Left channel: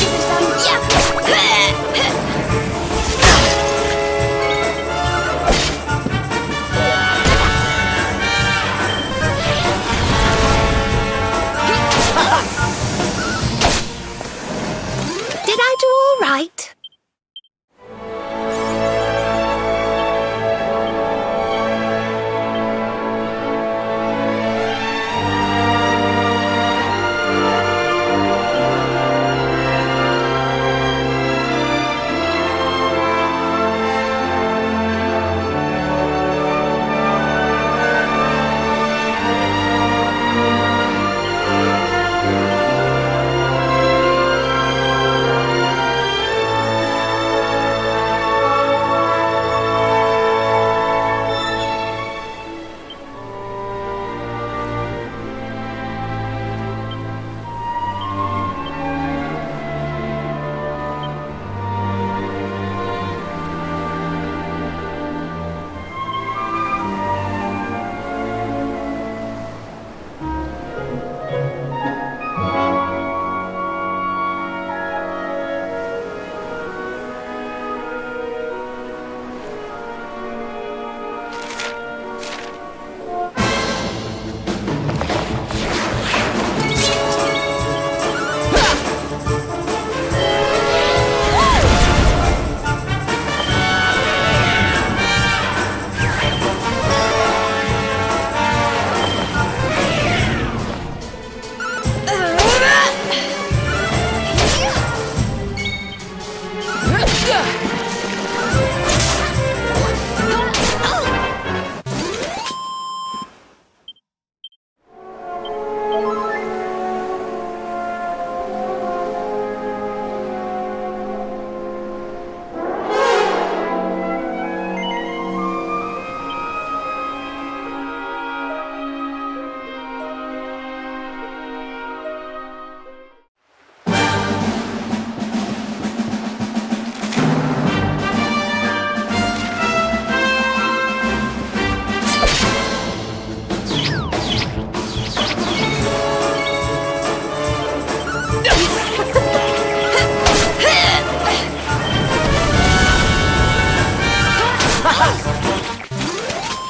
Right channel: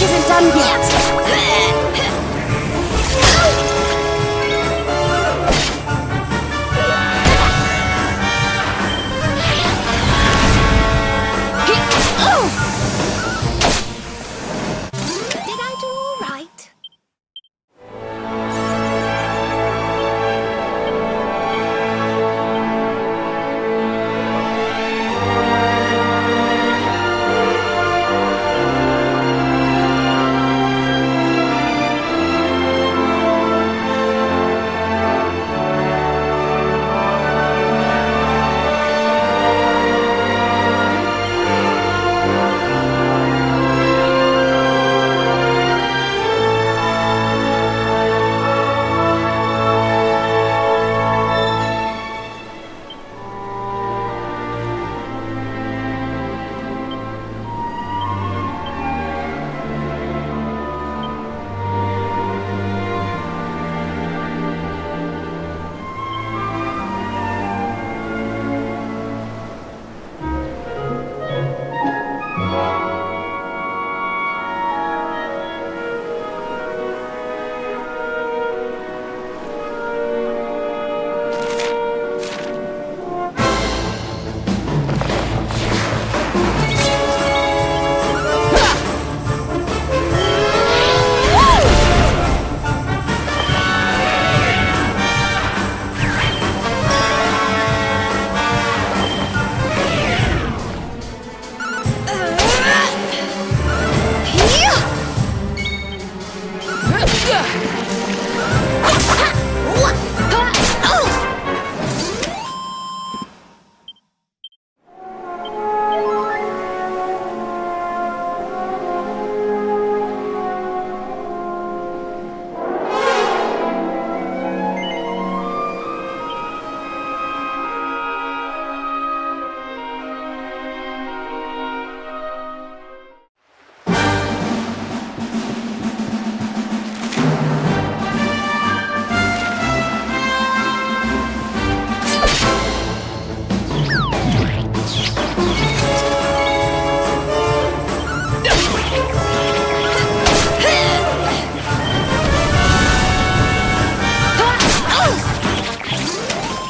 isn't done yet. Did I do all right?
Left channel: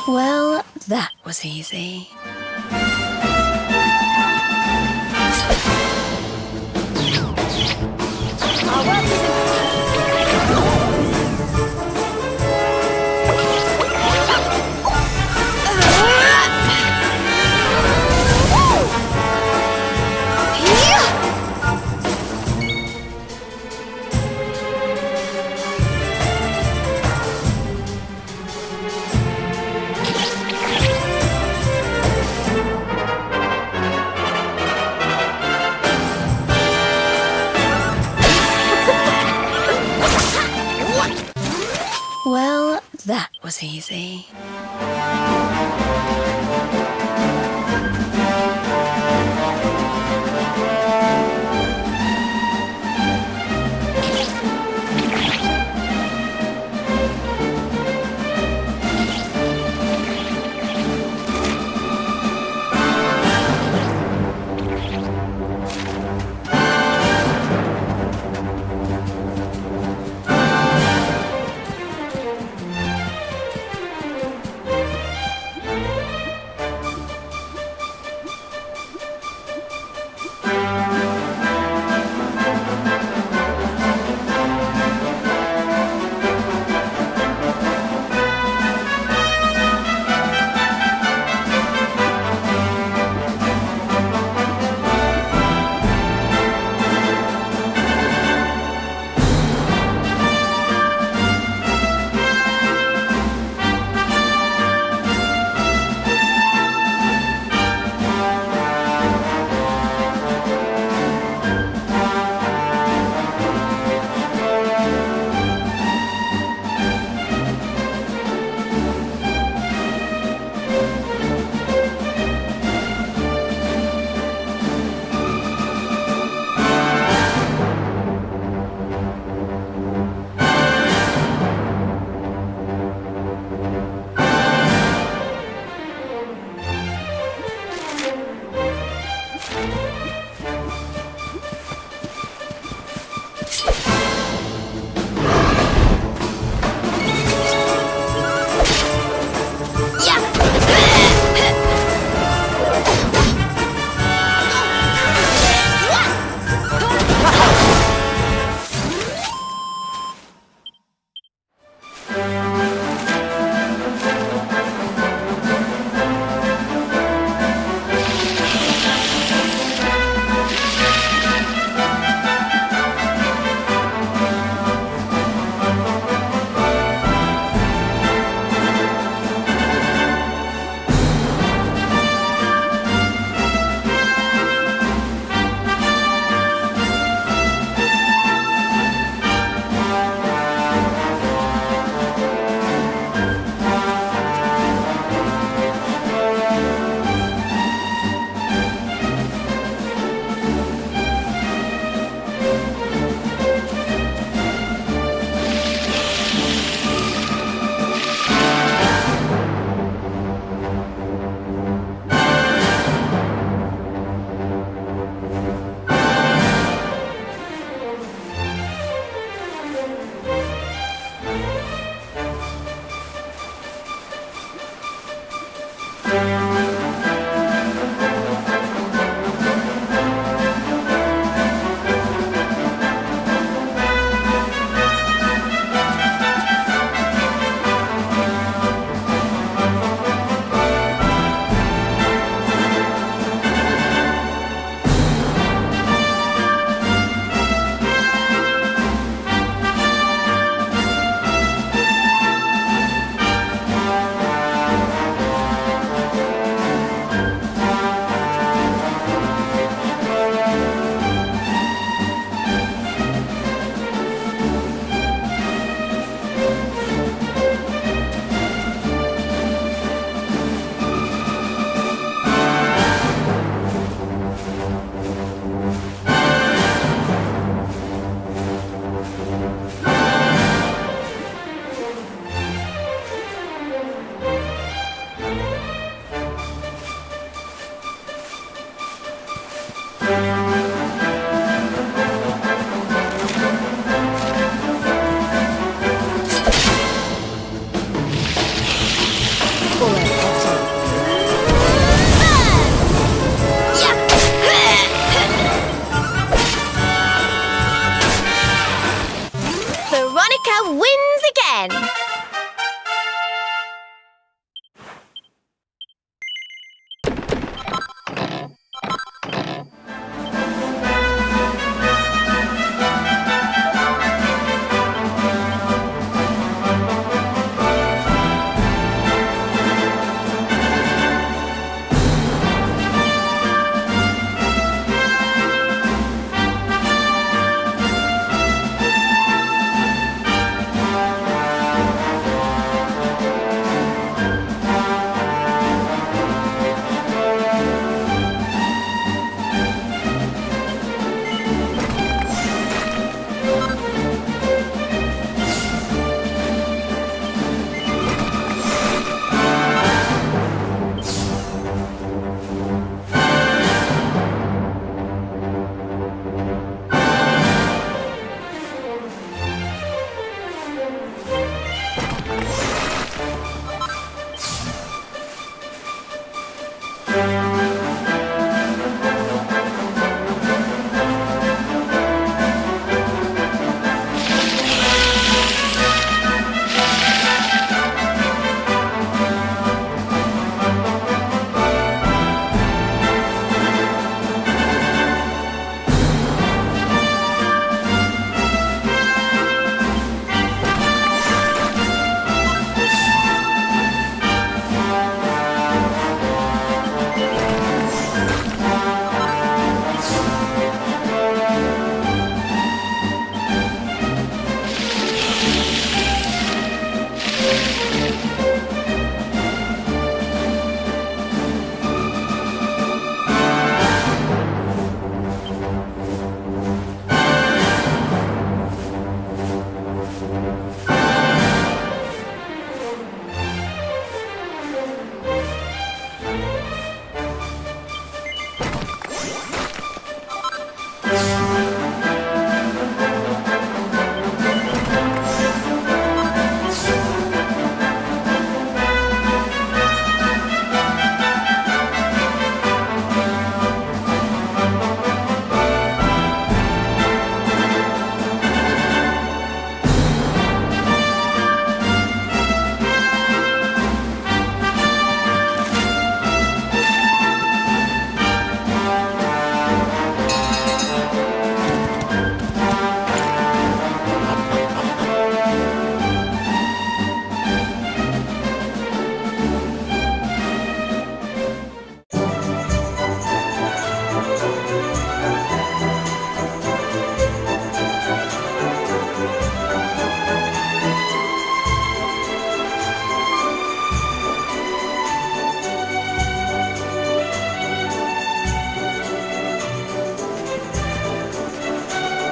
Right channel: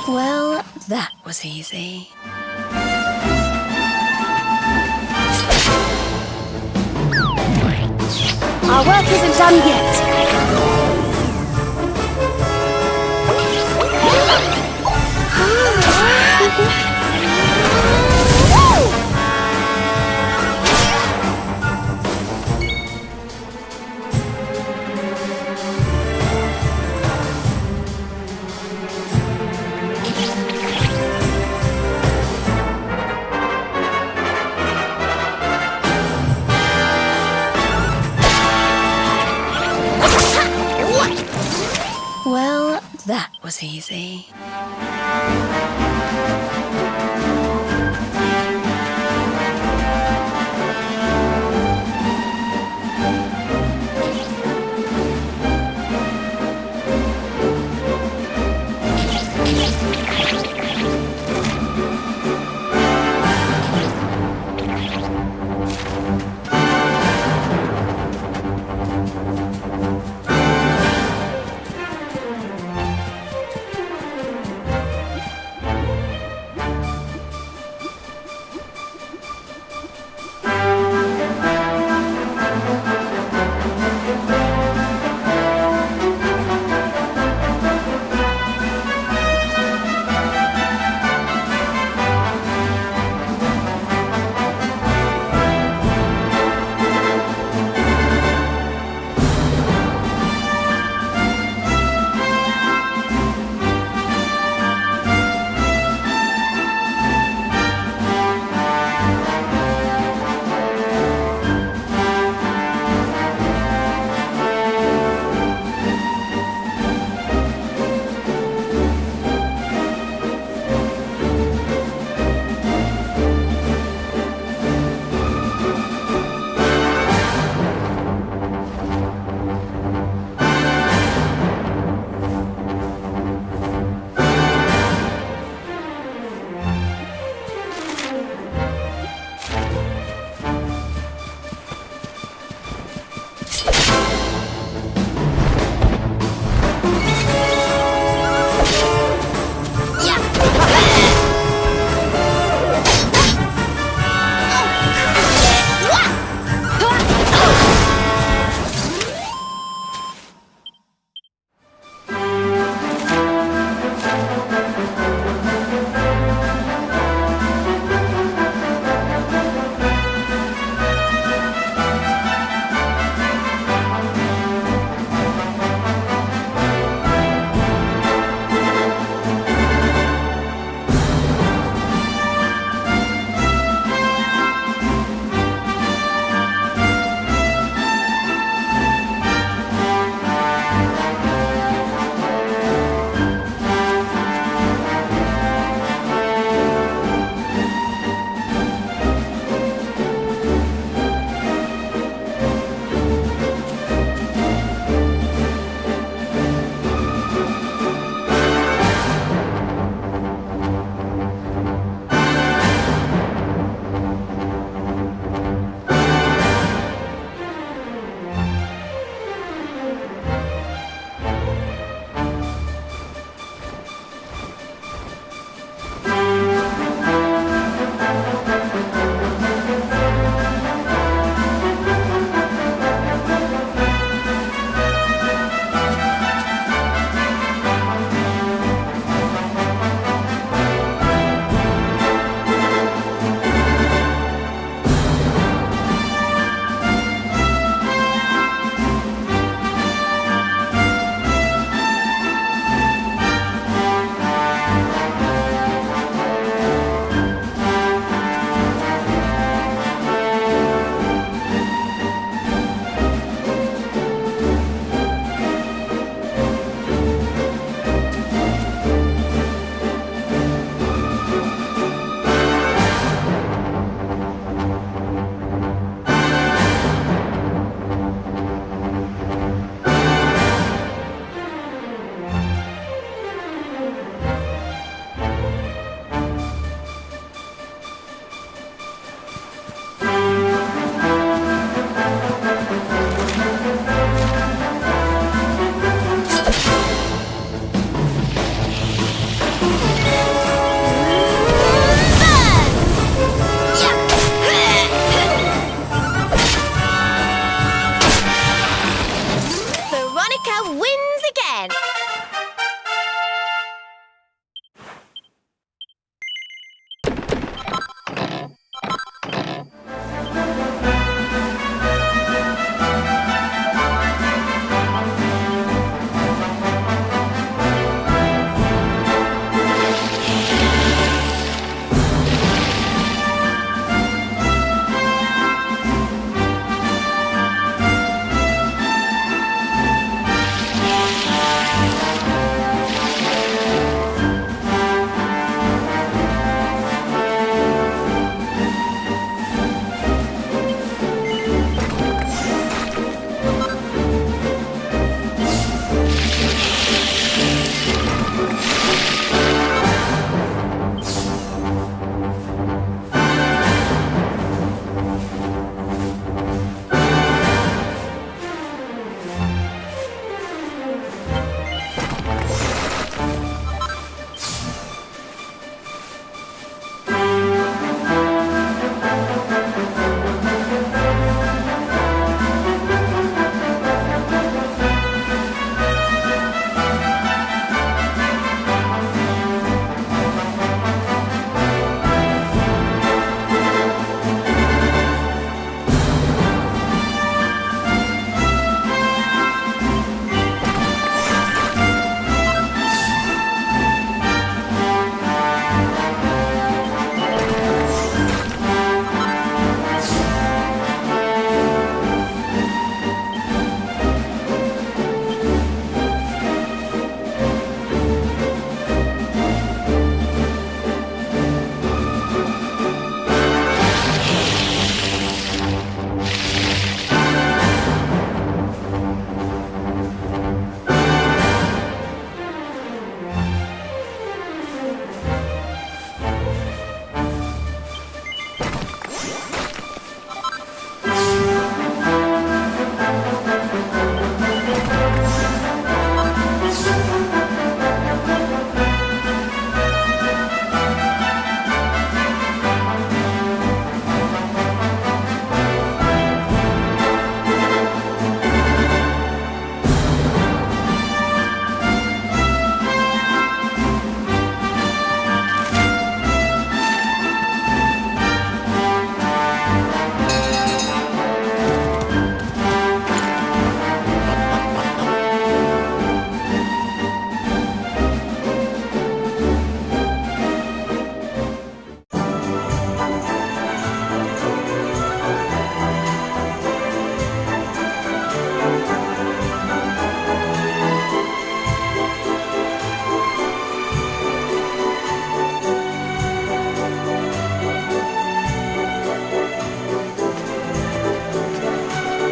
Well, that was easy. Our work isn't done yet. Well, that was easy.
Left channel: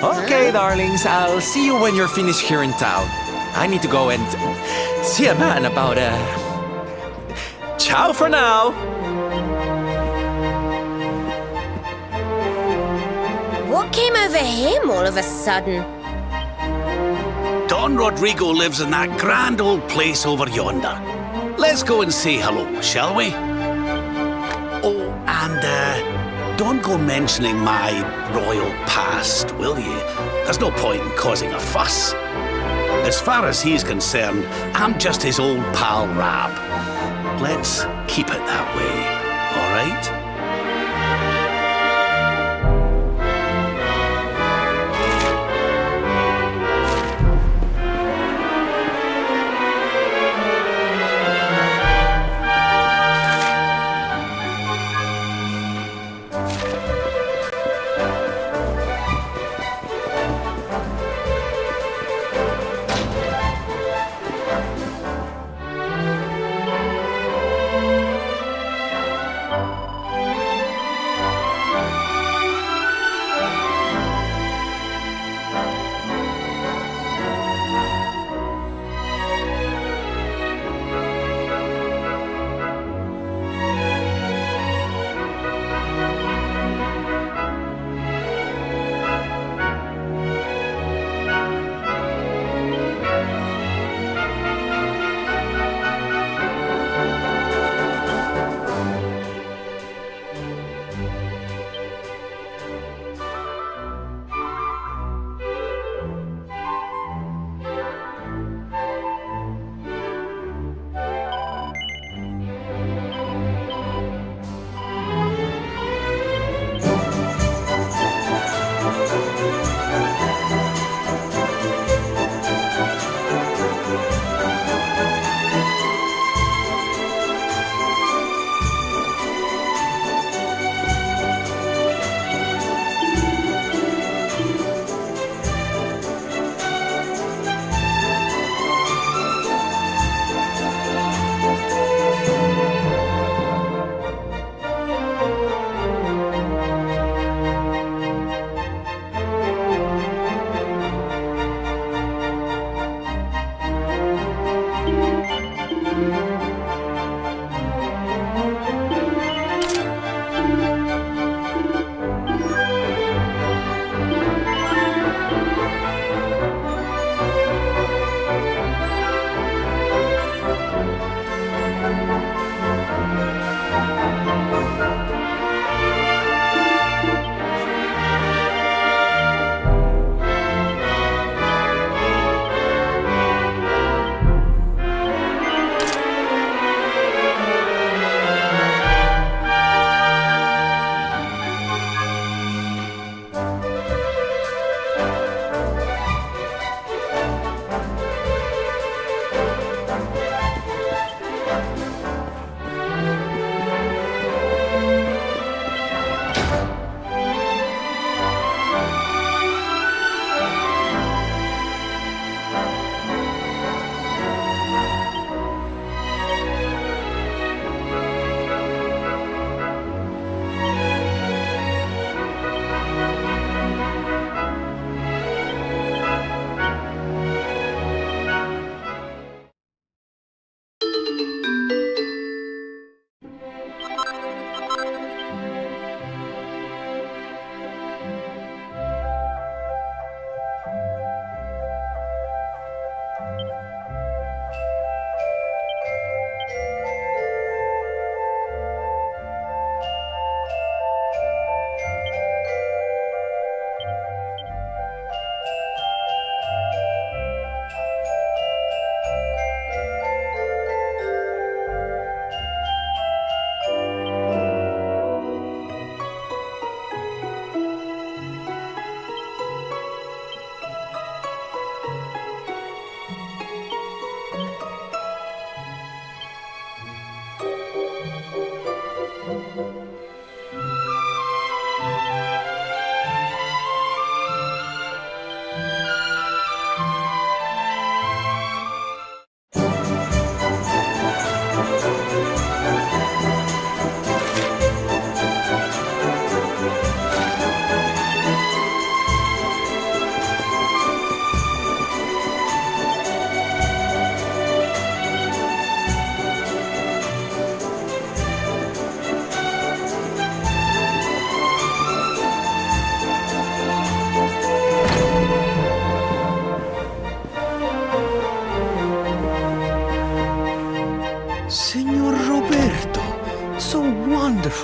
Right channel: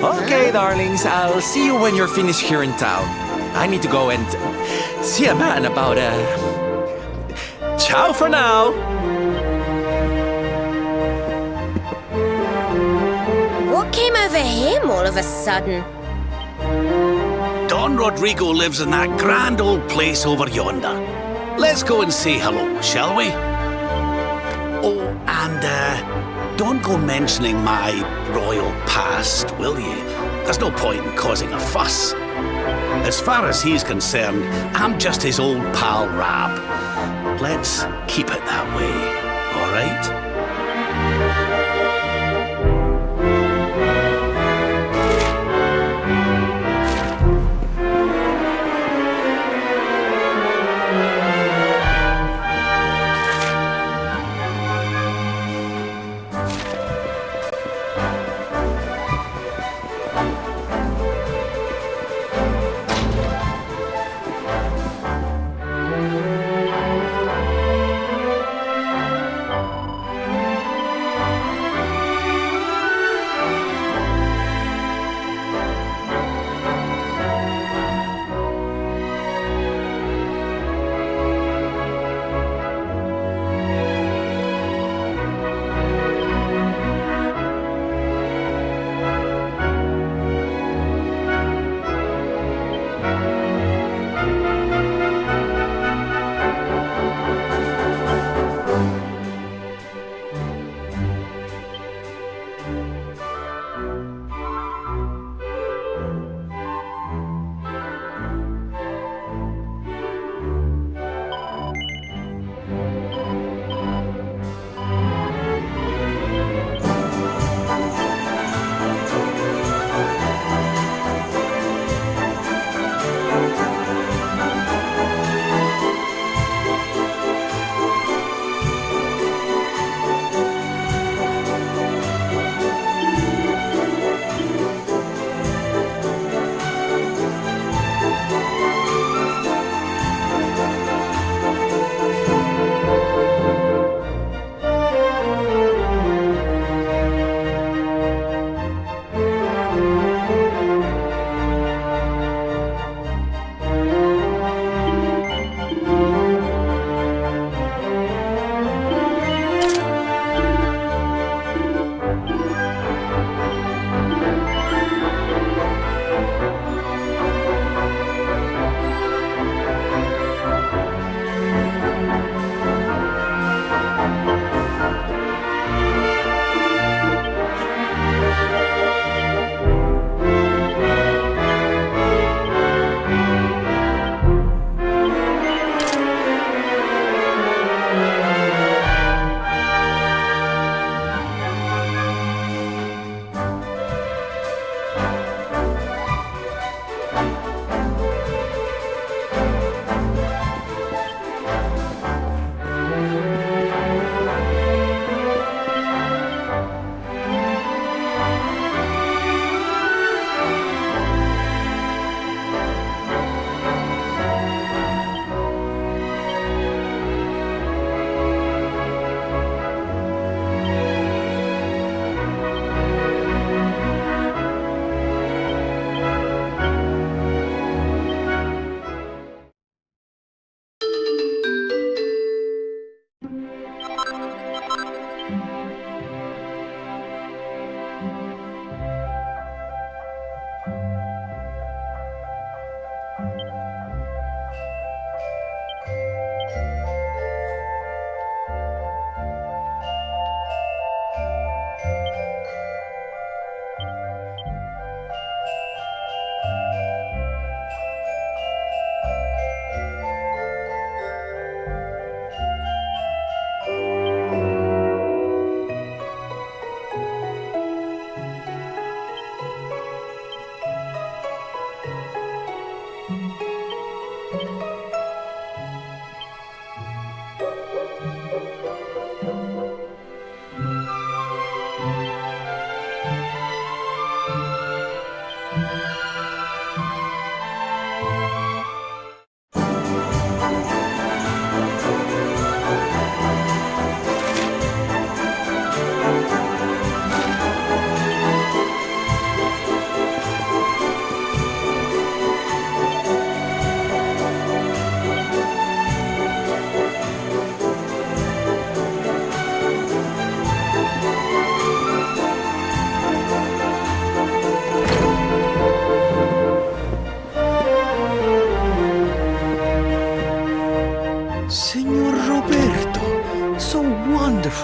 Okay, darlings, I'll see you when you're finished here in town. I need to go and see a man about Ciao for now! What came over him all of a sudden? Don Rodrigo lives in that grand old place over yonder. Let's go and say hello, shall we? Oh, and don't go mentioning my royal past, will you? There's no point in causing a fuss. As far as he's concerned, I'm just his old pal Rab. Let's keep it that way, all right?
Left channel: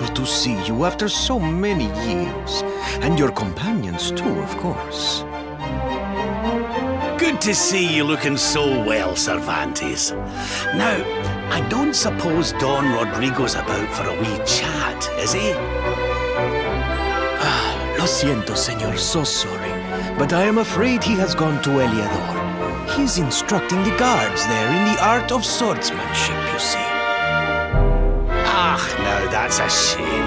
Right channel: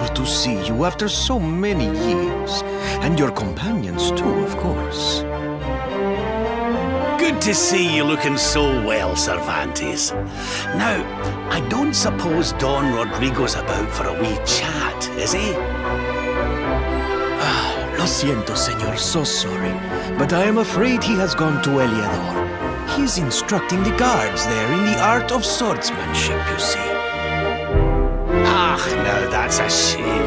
delightful to see you after so many years. And your companions, too, of course. Good to see you looking so well, Cervantes. Now, I don't suppose Don Rodrigo's about for a wee chat, is he? Lo siento, senor, so sorry. But I am afraid he has gone to Eliador. He is instructing the guards there in the art of swordsmanship, you see. Ah, now that's a shame.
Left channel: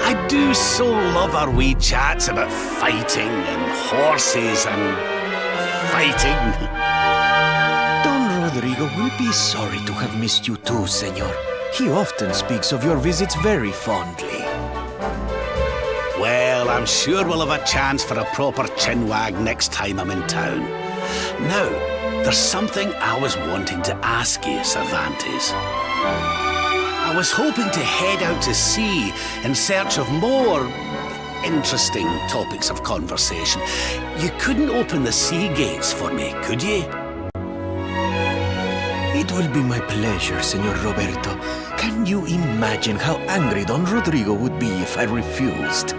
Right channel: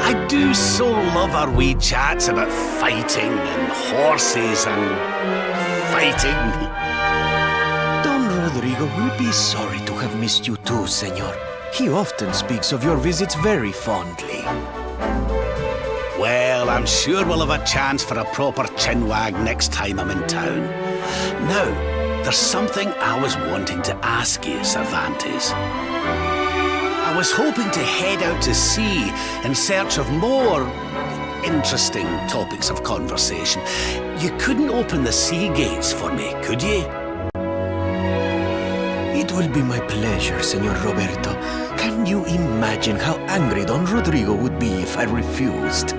I do so love our wee chats about fighting and horses and fighting. Don Rodrigo will be sorry to have missed you too, senor. He often speaks of your visits very fondly. Well, I'm sure we'll have a chance for a proper chinwag next time I'm in town. Now, there's something I was wanting to ask you, Cervantes. I was hoping to head out to sea in search of more interesting topics of conversation. You couldn't open the sea gates for me, could you? It will be my pleasure, Senor Roberto. Can you imagine how angry Don Rodrigo would be if I refused?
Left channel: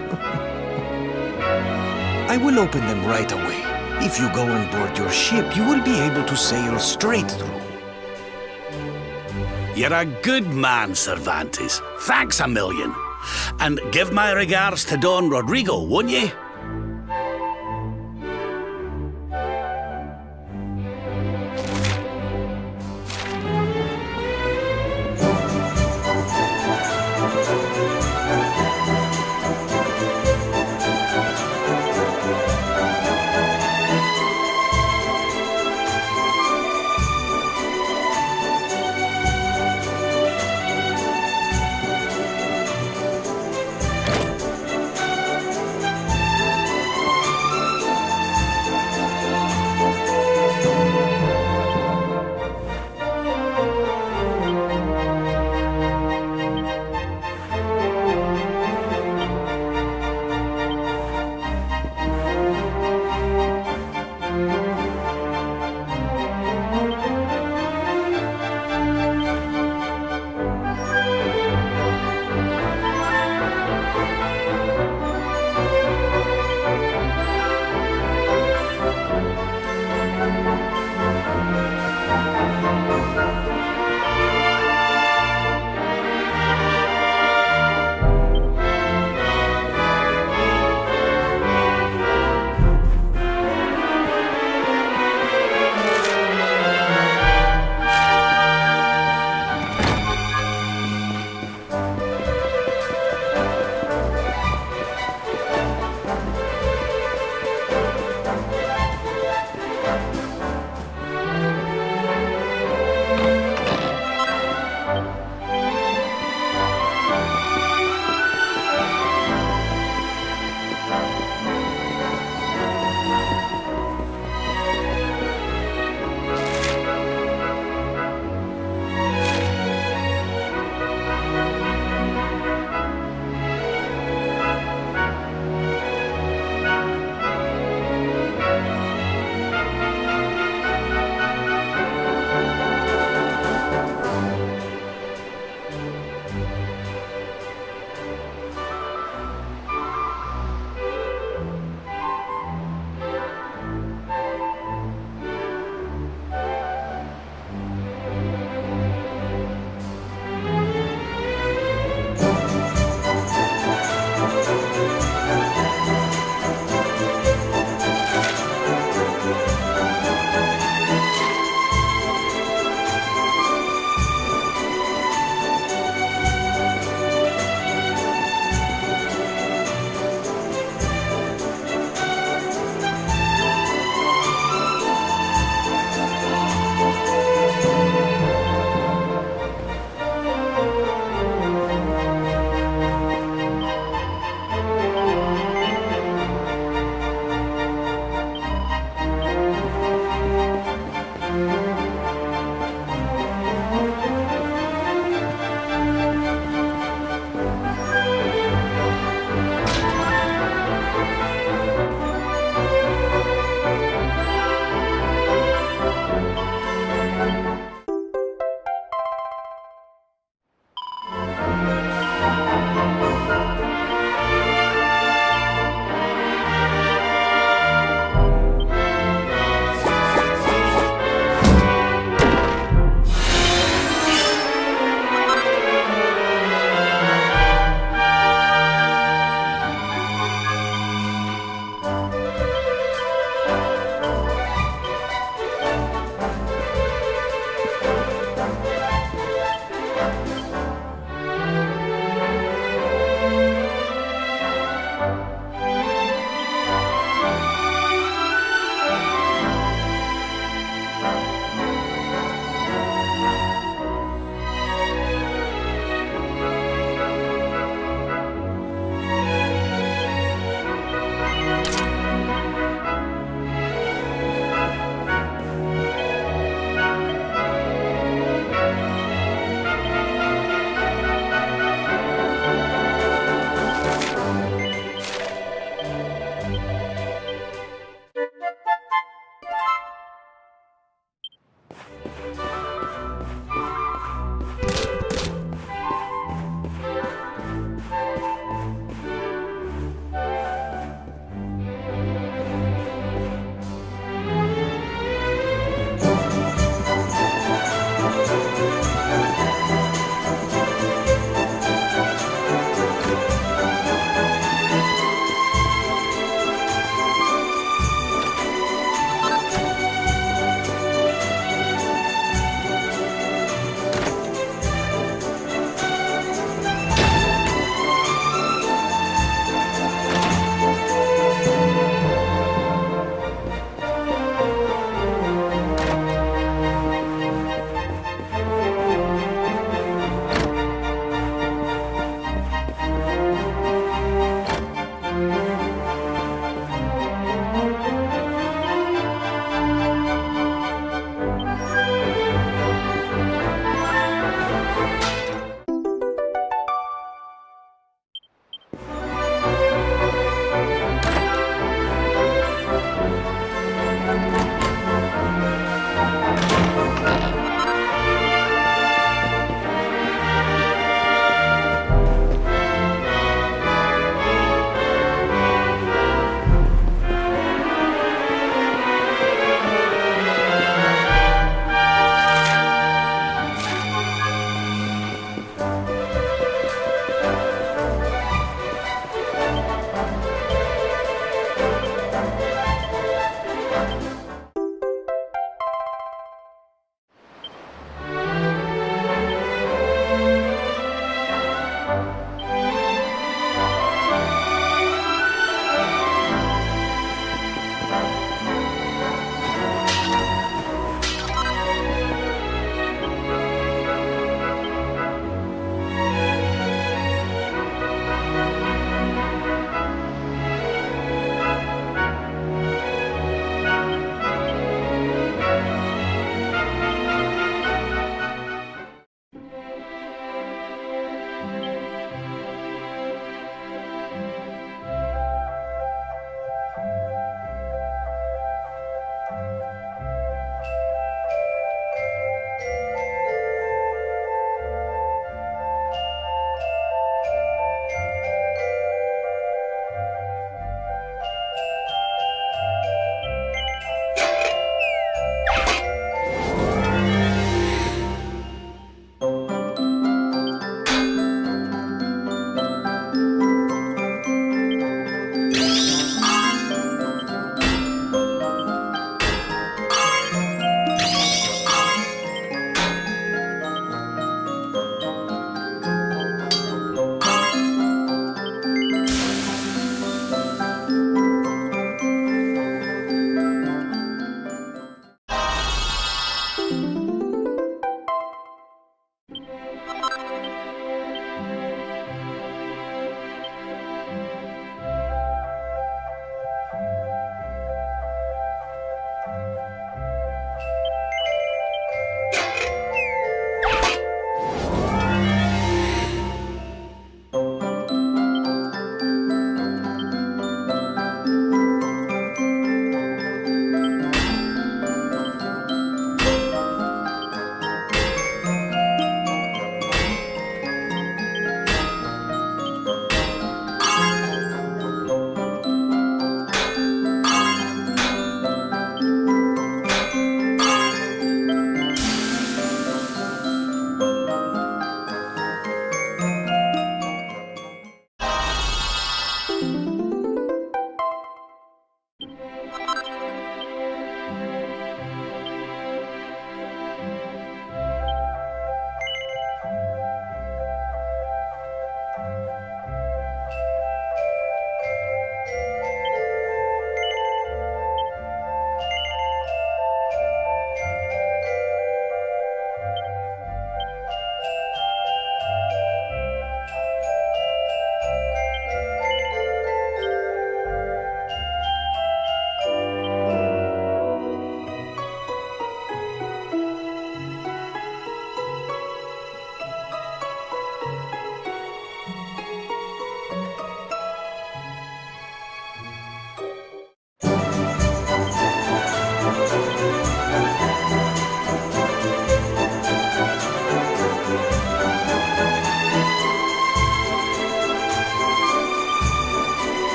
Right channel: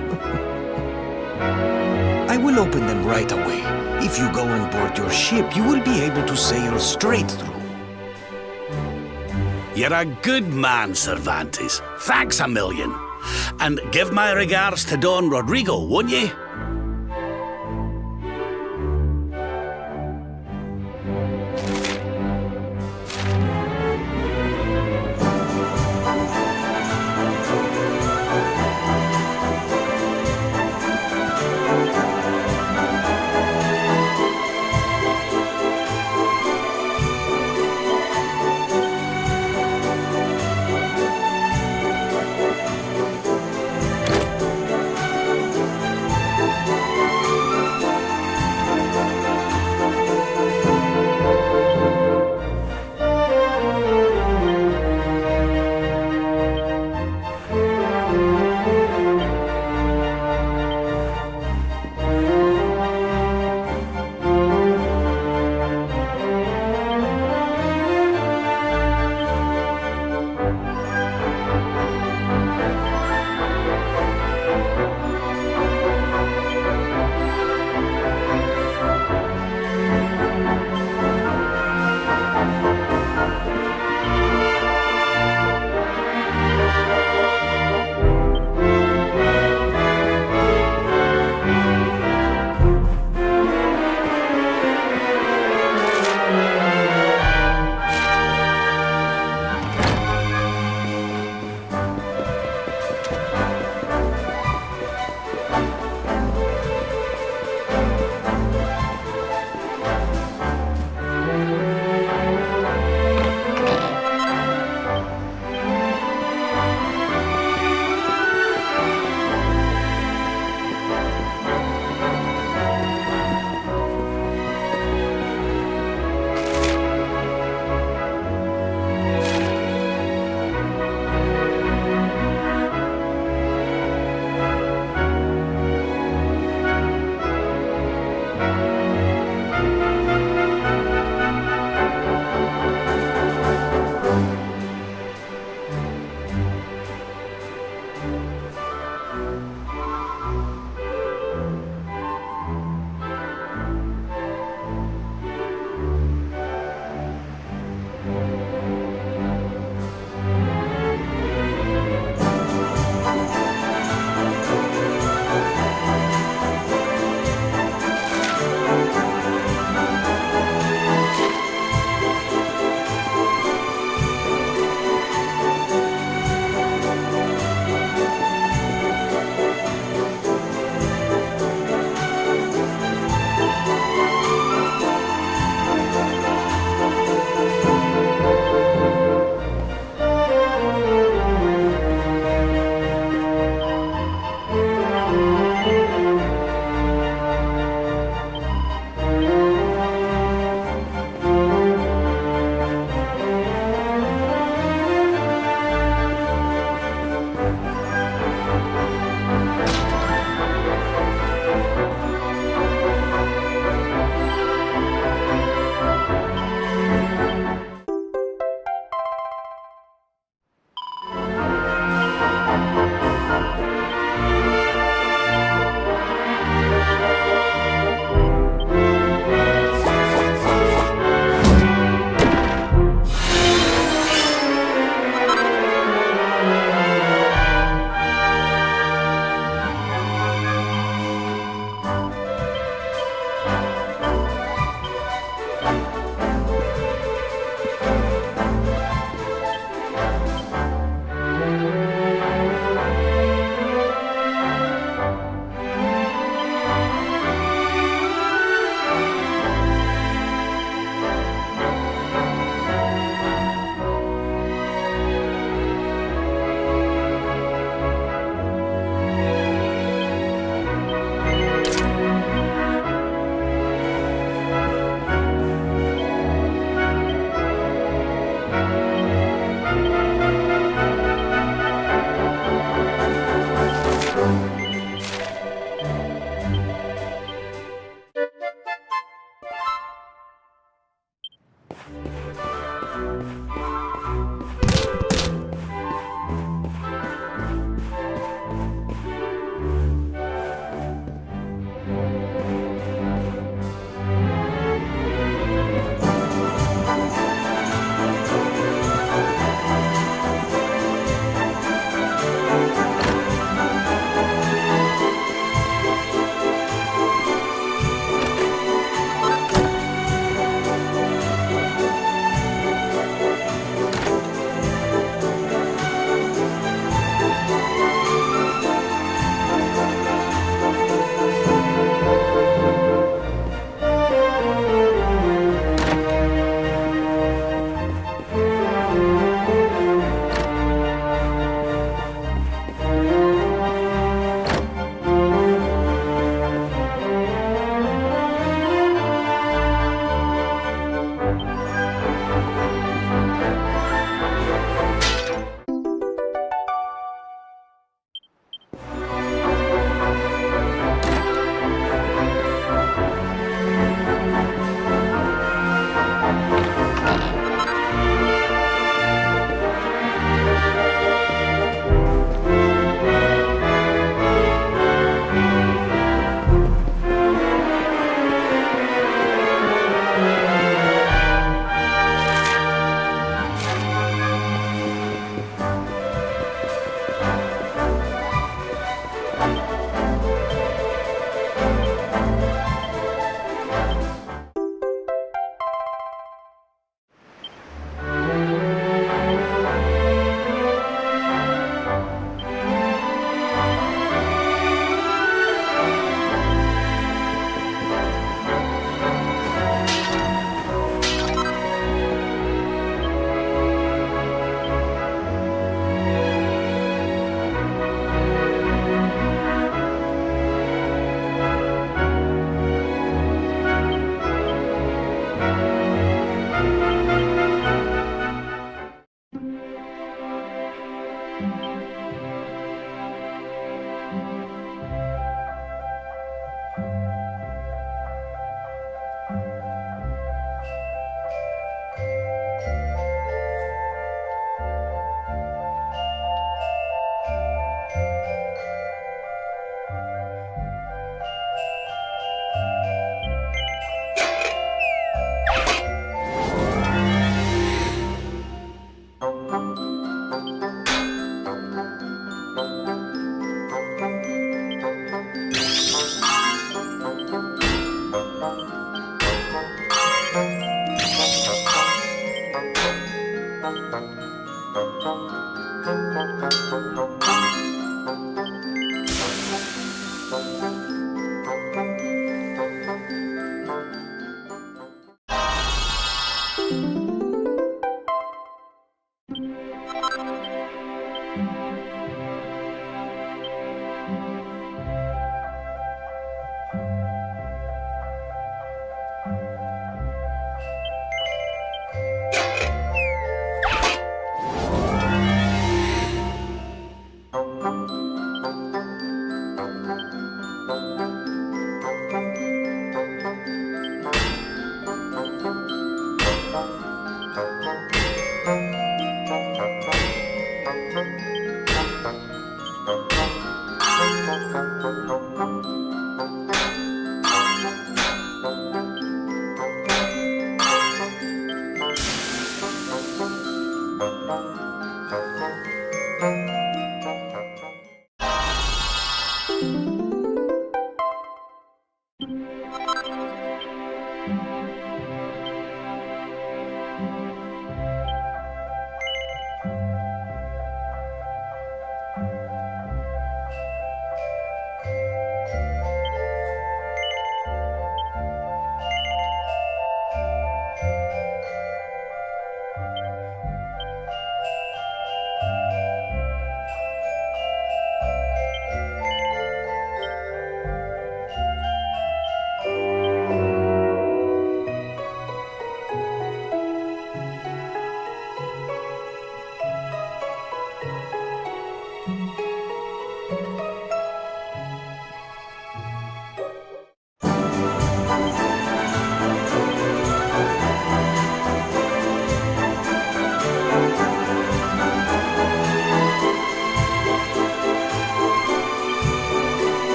I will open them right away. If you go on board your ship, you will be able to sail straight through. You're a good man, Cervantes. Thanks a million. And give my regards to Don Rodrigo, won't you?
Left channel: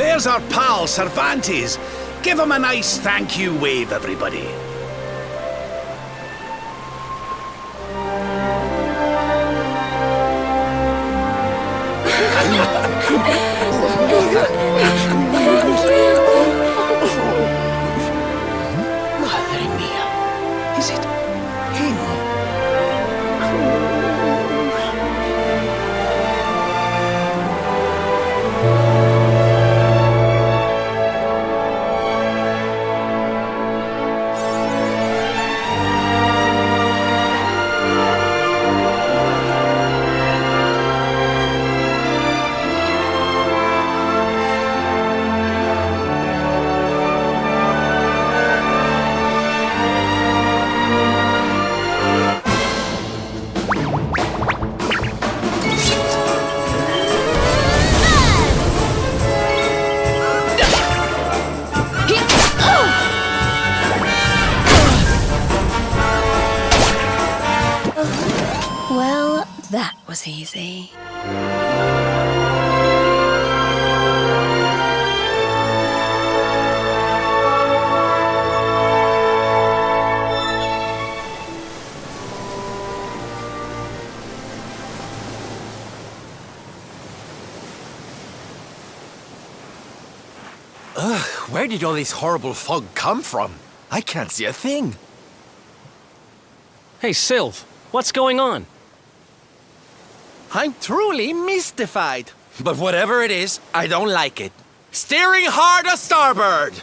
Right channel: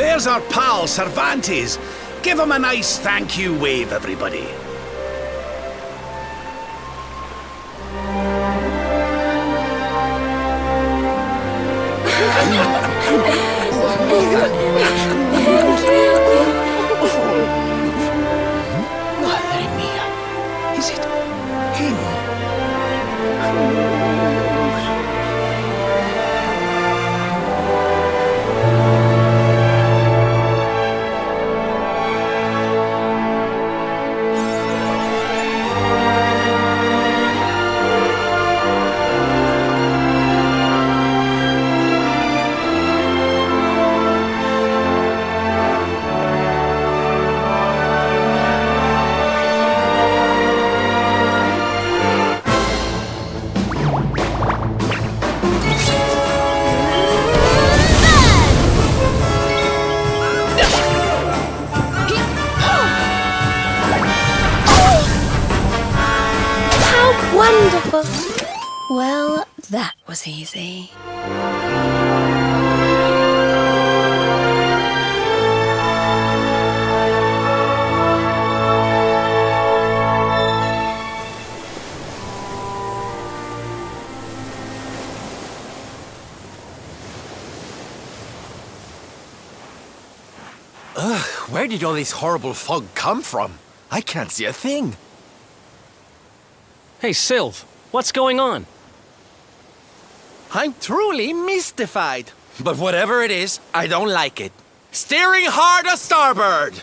There's our pal, Cervantes. Give him a nice thank you wave, everybody. Madre mia. Is it him? How wonderful. Well, that was easy. Where did all this horrible fog come from? I can't see a thing. Hey, Sylv, what's going on? I'm truly mystified. But whatever it is, I don't like it. Steering hard a starboard!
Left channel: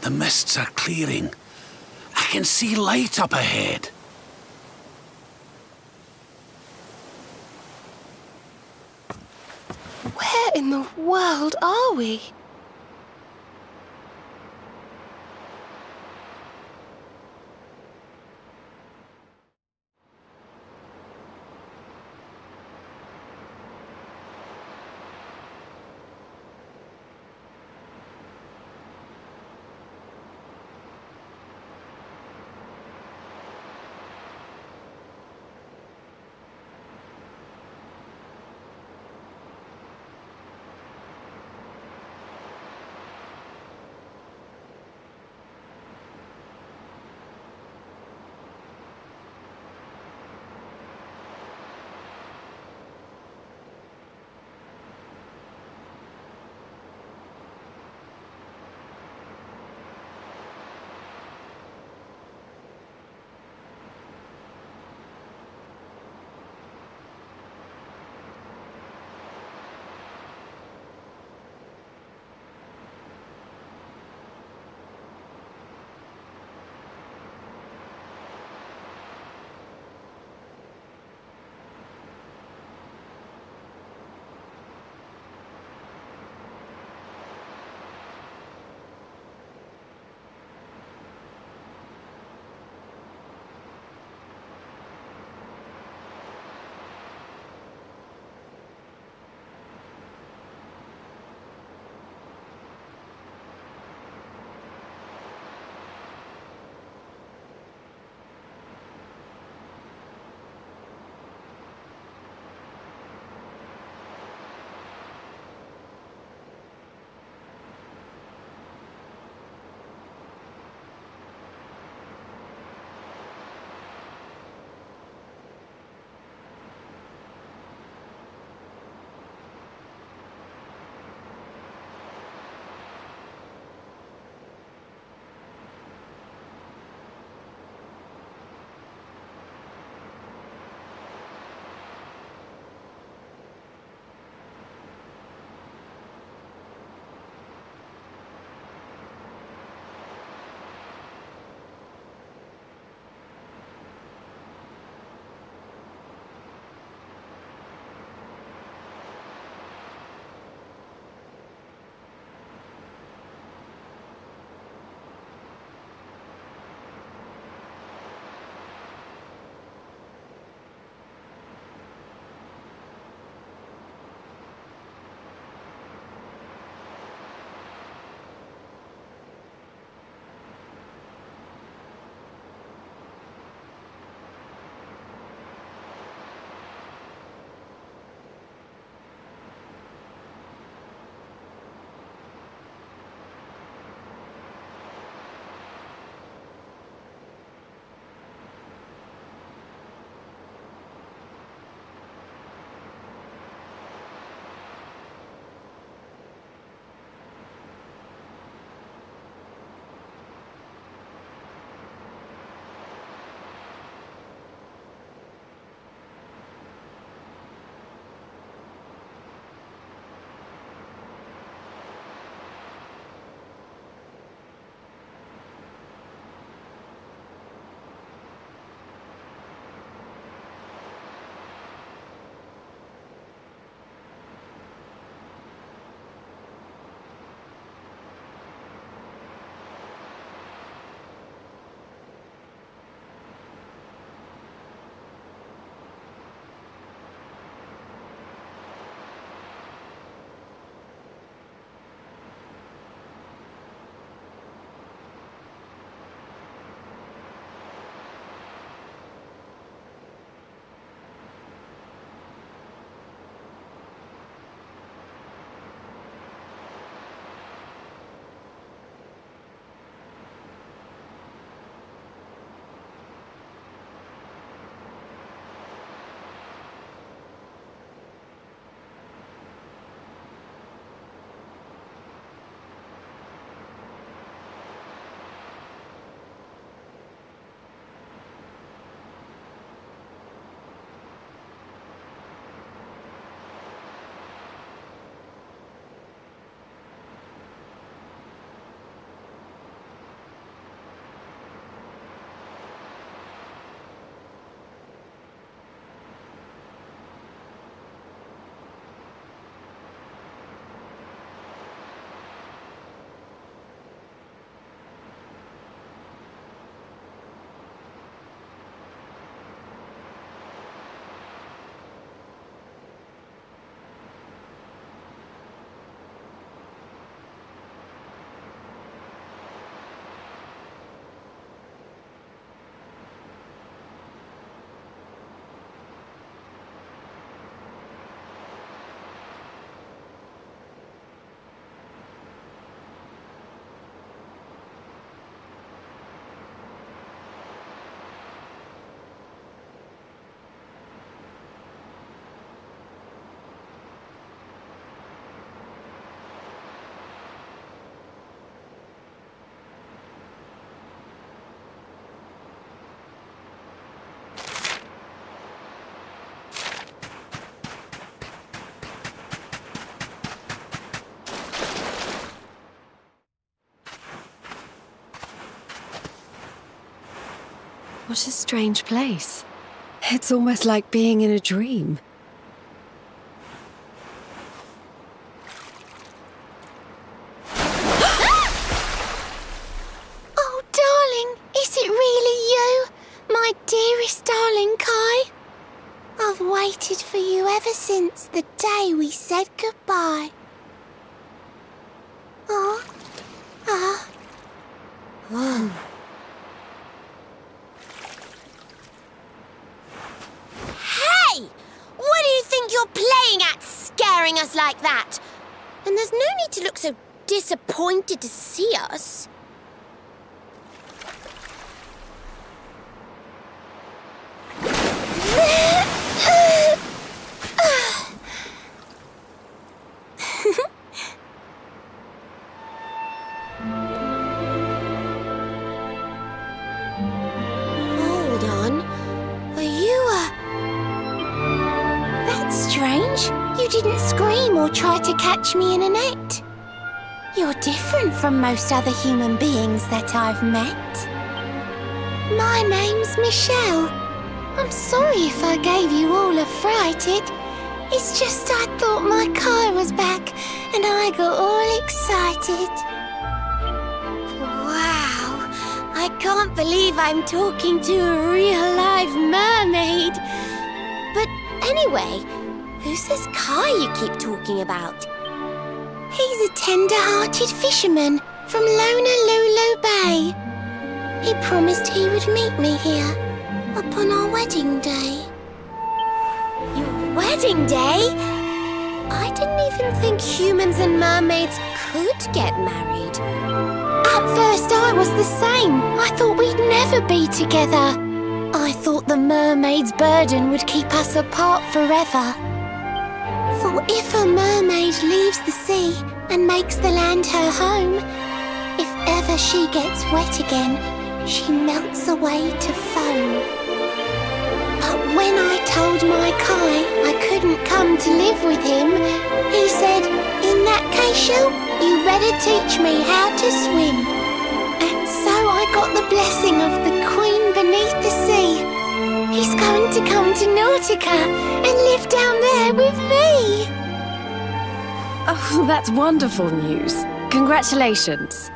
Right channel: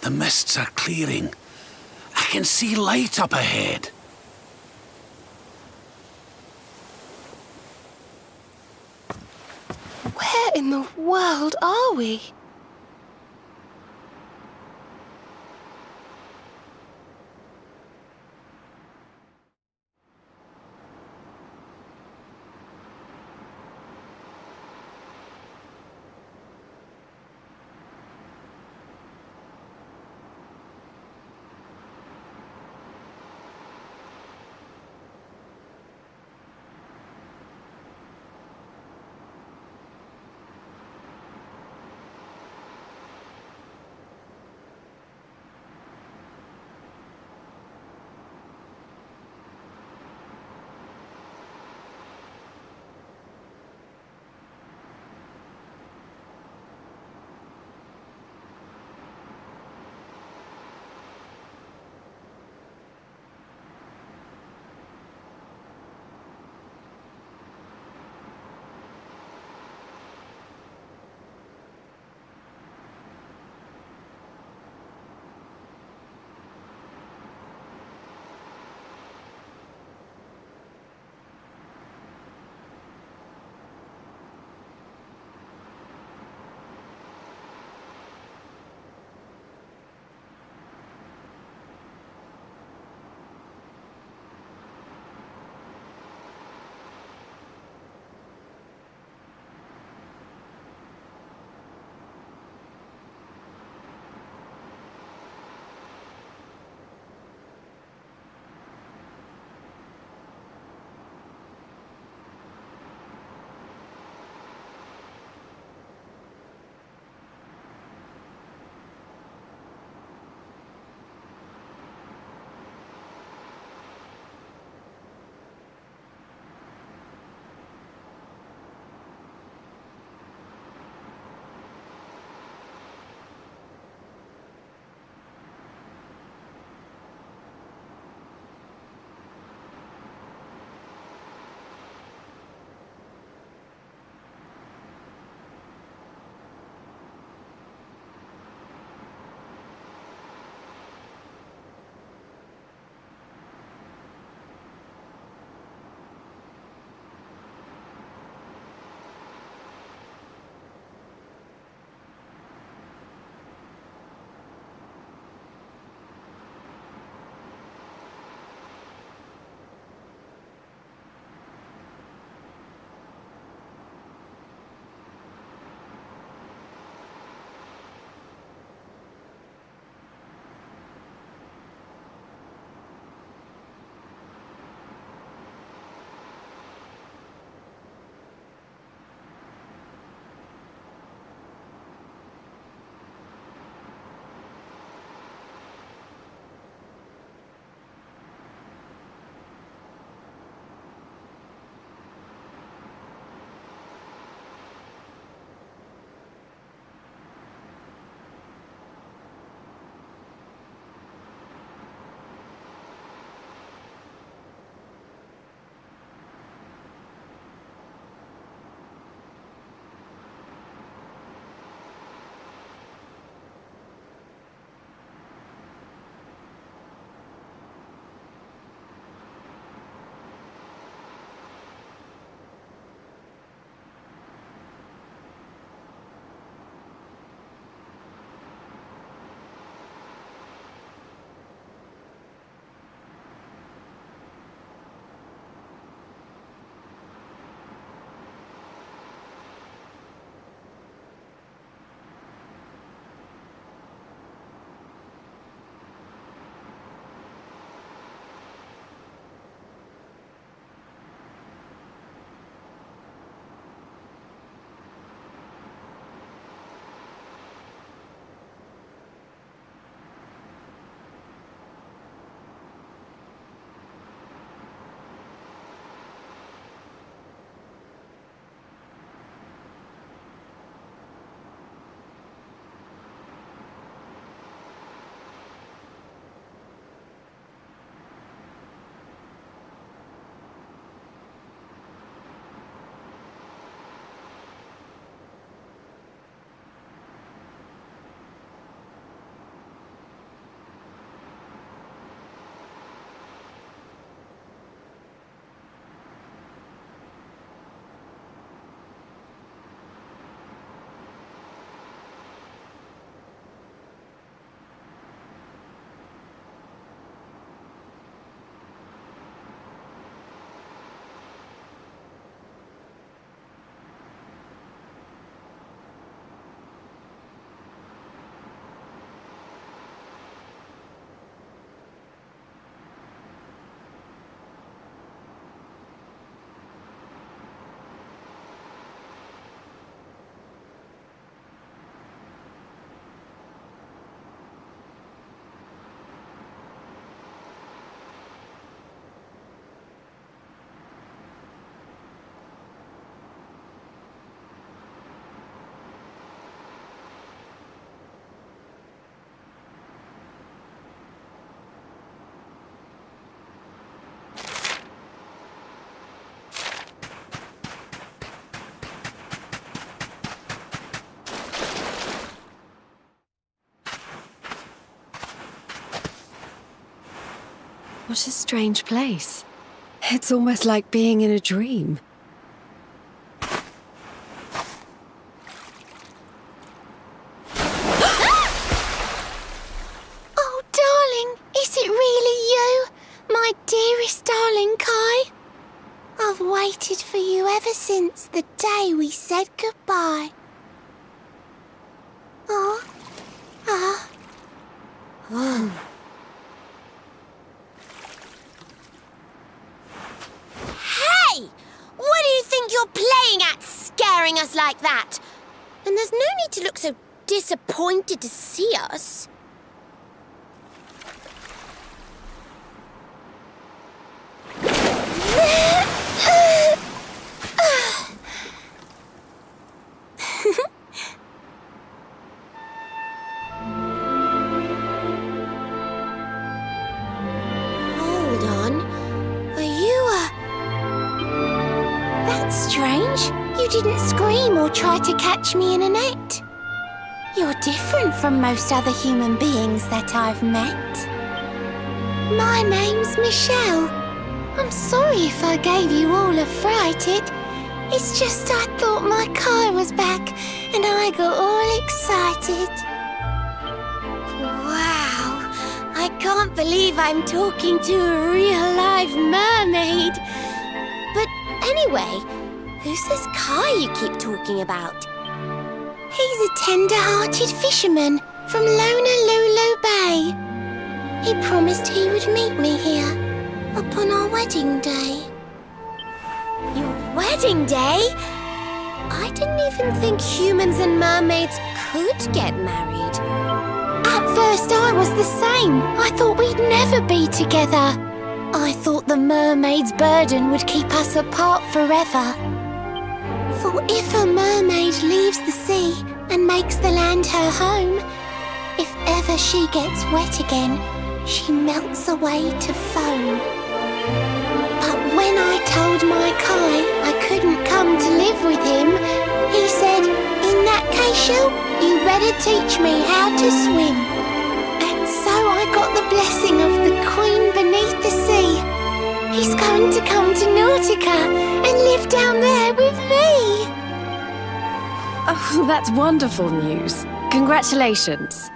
The mists are clearing. I can see light up ahead. Where in the world are we? What a strange place. It's almost like being in a dream. Oh, darling, is it really you? My dearest darling Kai? I've waited for you ever since the day we said goodbye. Oh, ah. Oh. Hey! What do you think you're playing at, scaring us like that? And there's no need to look so disappointed to see us. Hold on. Are you That's strange. You didn't scream or try to catch me in a net. You're different from most other human beings that I've met. My name's Michelle. I'm sorry if I gave you all a fright. It's just I thought my car was back and I got all excited. Wow, I can't believe I'm talking to a real live mermaid. But anyway, who's this Kai you keep talking about? He's a tender-hearted fisherman from Honolulu Bay. He promised he would meet me here upon our wedding day. Your wedding day? I didn't even think humans and mermaids could get married. At first I was the same. I thought we'd never be together. I thought the mermaid's burden would keep us apart forever. For if a mermaid leaves the sea and makes the land her home, if ever she gets wet again, she melts away to foam. But when I told my Kai I couldn't come to live with him, he said, in that case, Shell, you better teach me how to swim. And so I got the blessing of the Queen beneath the sea. He's going to come to Nautica and live down there with me. Oh, that's wonderful news. Congratulations.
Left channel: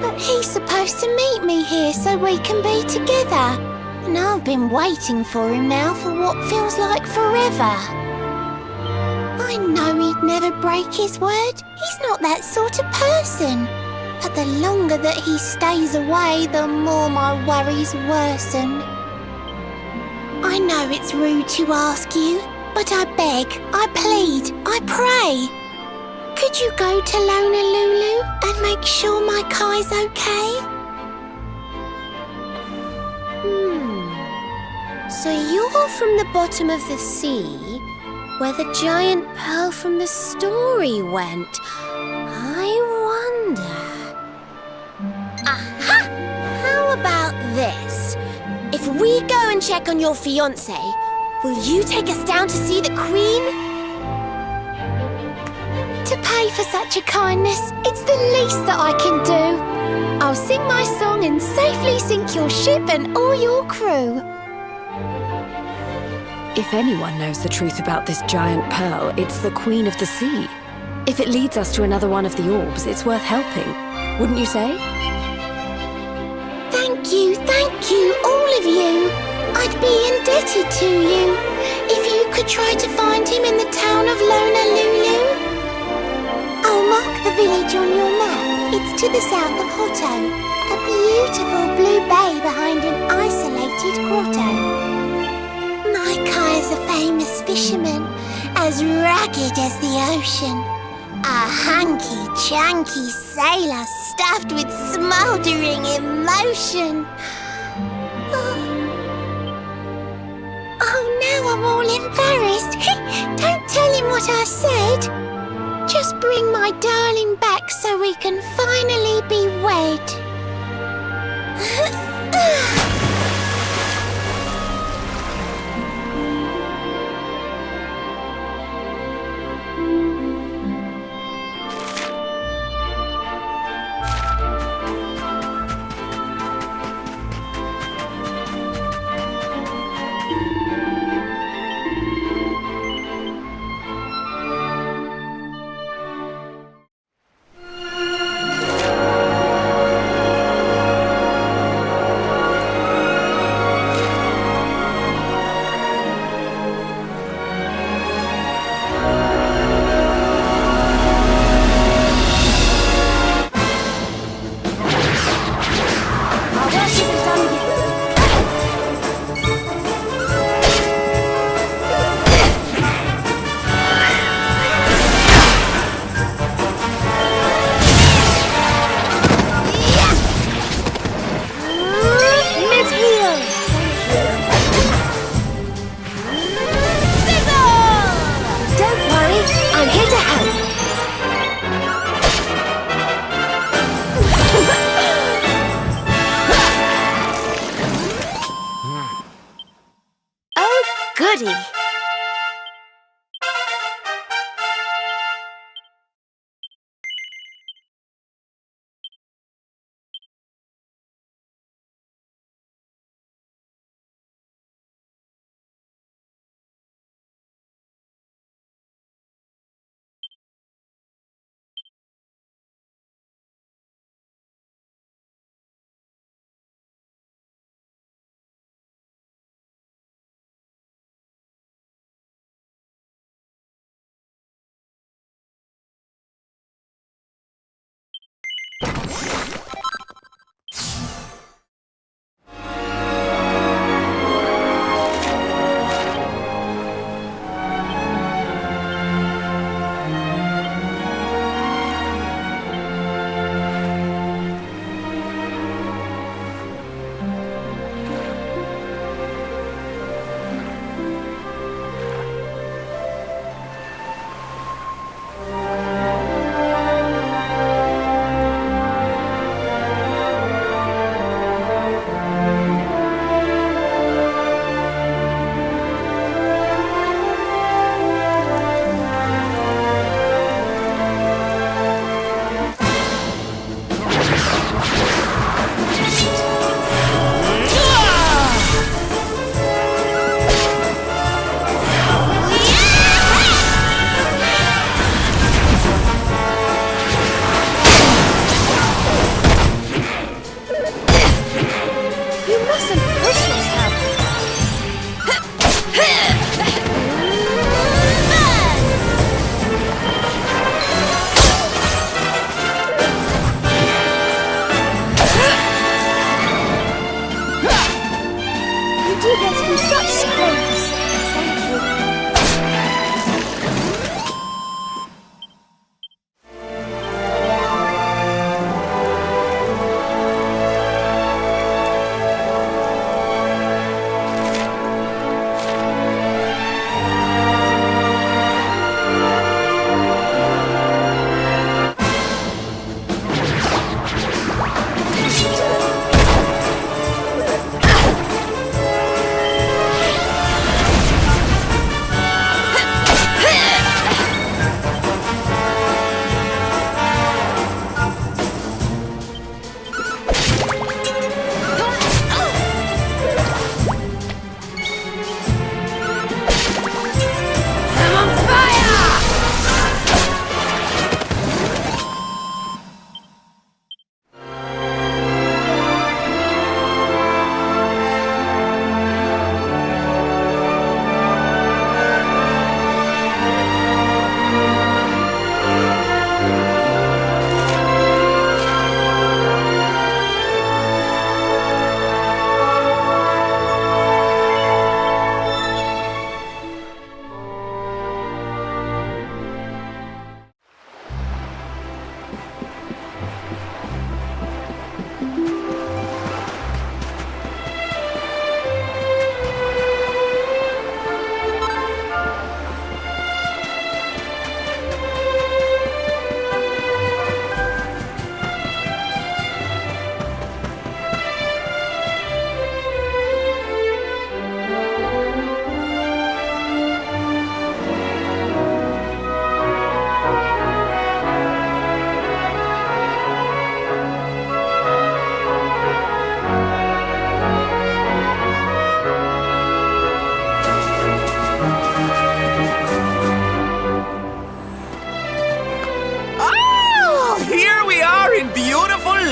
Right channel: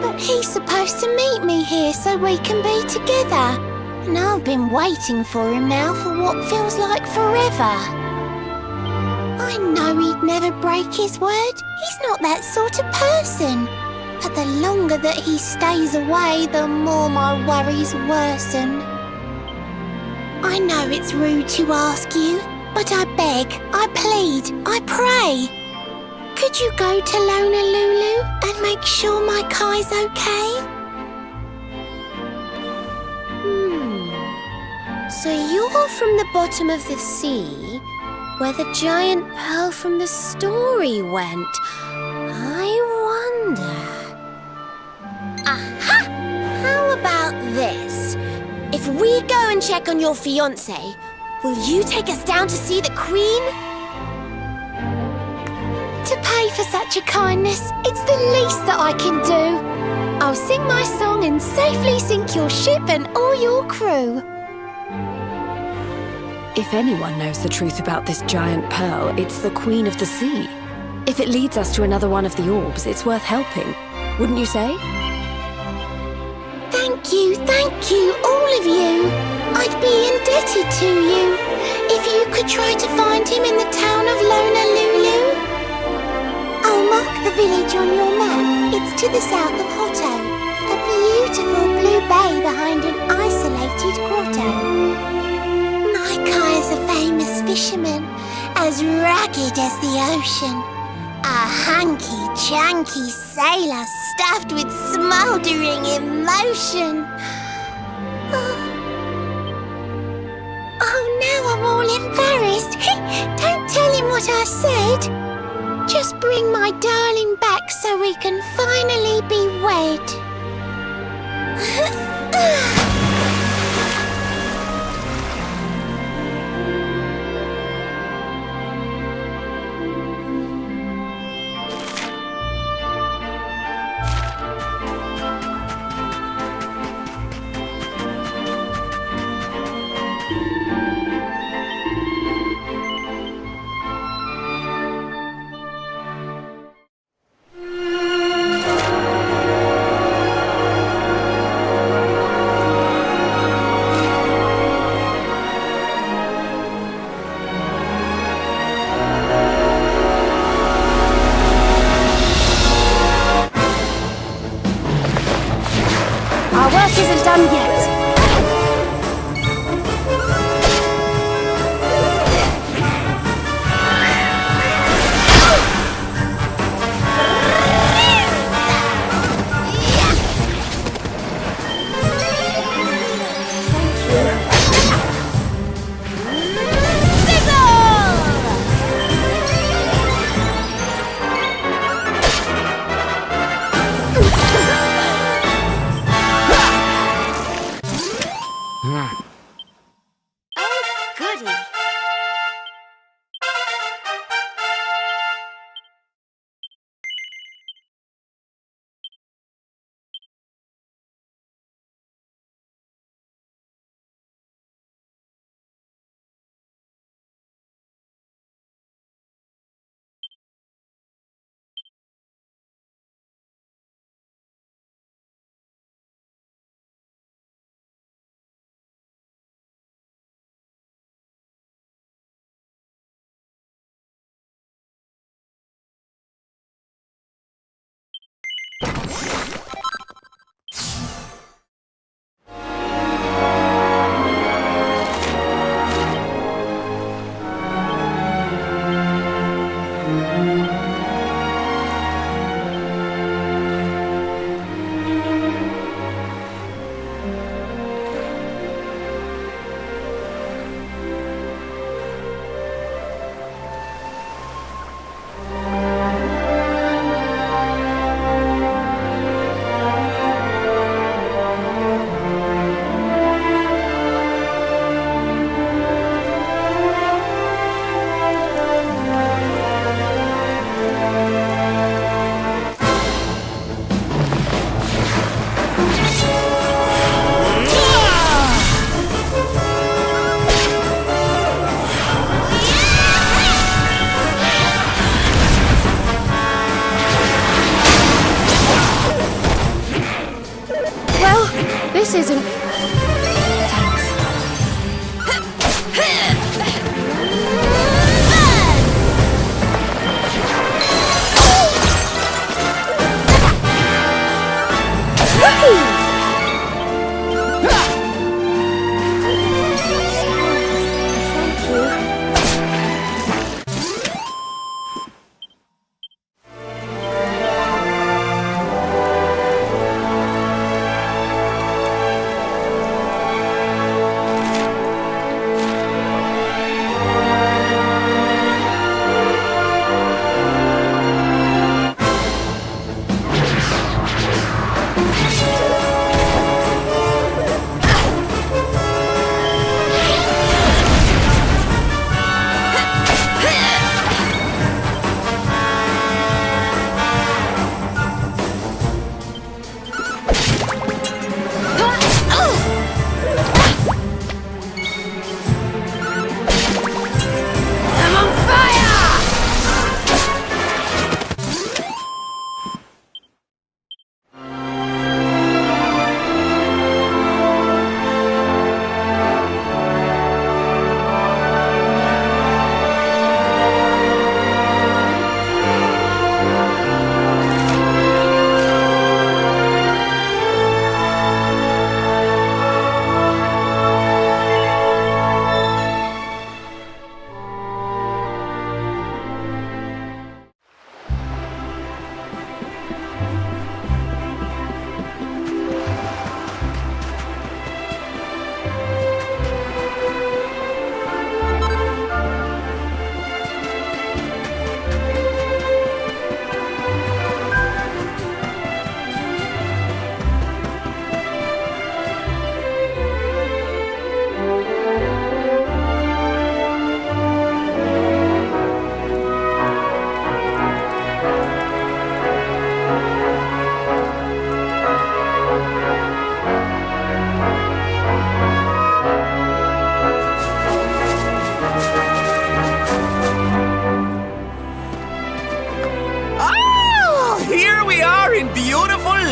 But he's supposed to meet me here so we can be together. And I've been waiting for him now for what feels like forever. I know he'd never break his word. He's not that sort of person. But the longer that he stays away, the more my worries worsen. I know it's rude to ask you, but I beg, I plead, I pray. Could you go to Honolulu and make sure my Kai's okay? So you're from the bottom of the sea, where the giant pearl from the story went. I wonder... Aha! How about this? If we go and check on your fiancé, will you take us down to see the Queen? To pay for such a kindness, it's the least that I can do. I'll sing my song and safely sink your ship and all your crew. If anyone knows the truth about this giant pearl, it's the Queen of the Sea. If it leads us to another one of the orbs, it's worth helping. Wouldn't you say? Thank you, all of you. I'd be indebted to you. If you could try to find him in the town of Honolulu. I'll mark the village on your map. It's to the south of Hotto, a beautiful blue bay behind an isolated grotto. My Kai's a famous fisherman, as rugged as the ocean. A hanky-janky sailor stuffed with smouldering emotion. Oh, now I'm all embarrassed. Don't tell him what I said. Just bring my darling back so we can finally be wed.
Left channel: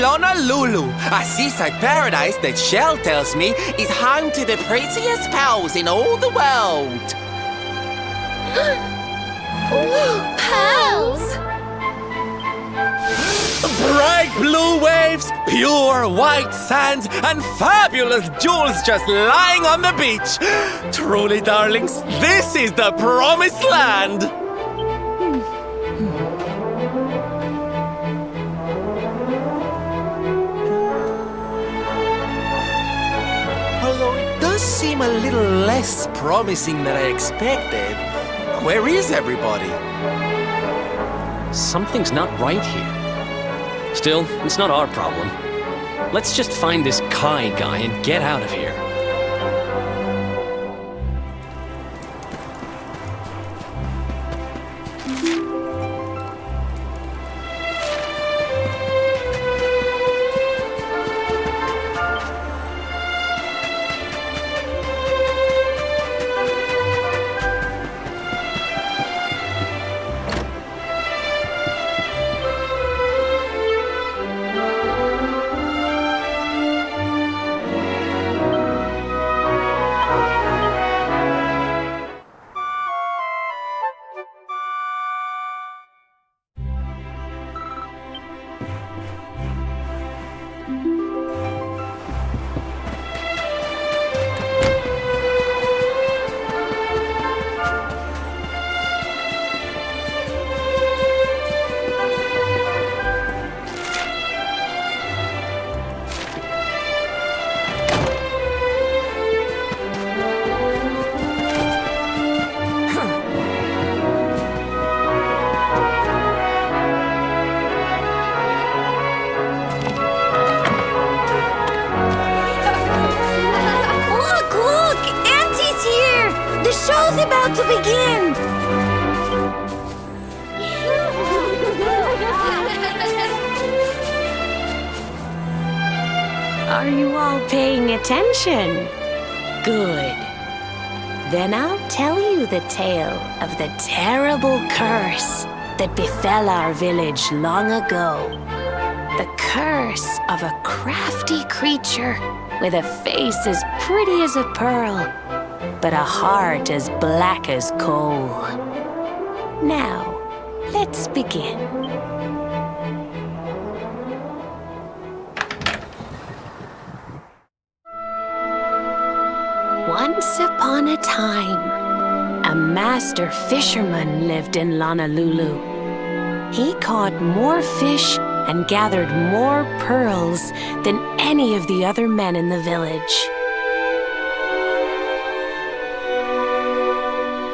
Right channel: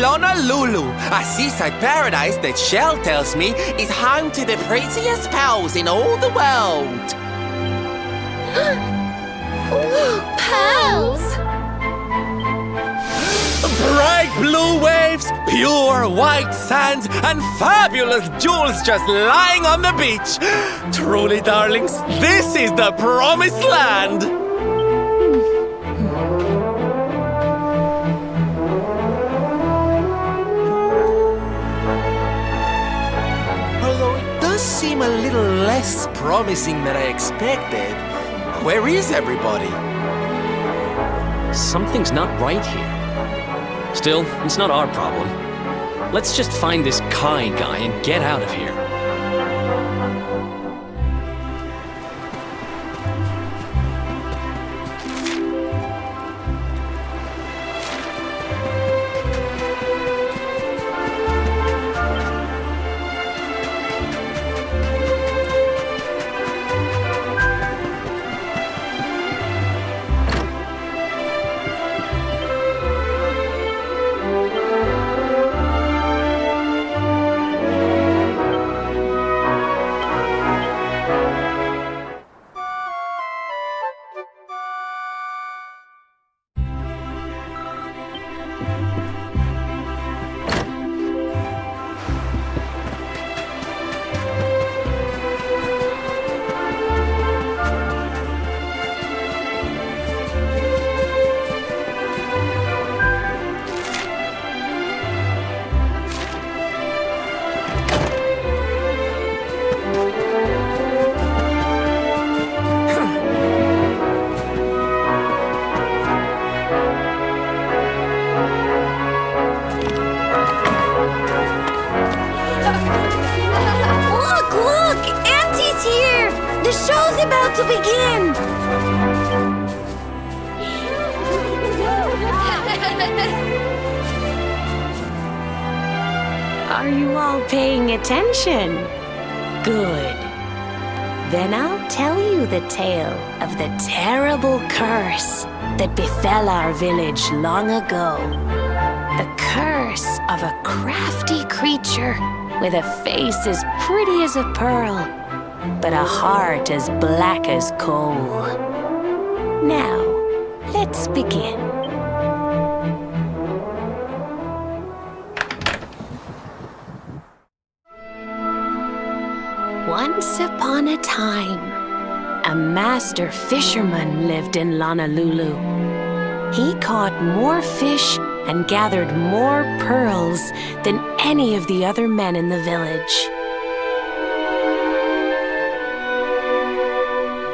Honolulu, a seaside paradise that Shell tells me is home to the prettiest pearls in all the world. Pearls! Bright blue waves, pure white sands, and fabulous jewels just lying on the beach. Truly, darlings, this is the promised land. Although it does seem a little less promising than I expected. Where is everybody? Something's not right here. Still, it's not our problem. Let's just find this Kai guy and get out of here. Look! Auntie's here! The show's about to begin! Are you all paying attention? Good. Then I'll tell you the tale of the terrible curse that befell our village long ago. The curse of a crafty creature with a face as pretty as a pearl, but a heart as black as coal. Now, let's begin. Once upon a time, a master fisherman lived in Honolulu. He caught more fish and gathered more pearls than any of the other men in the village.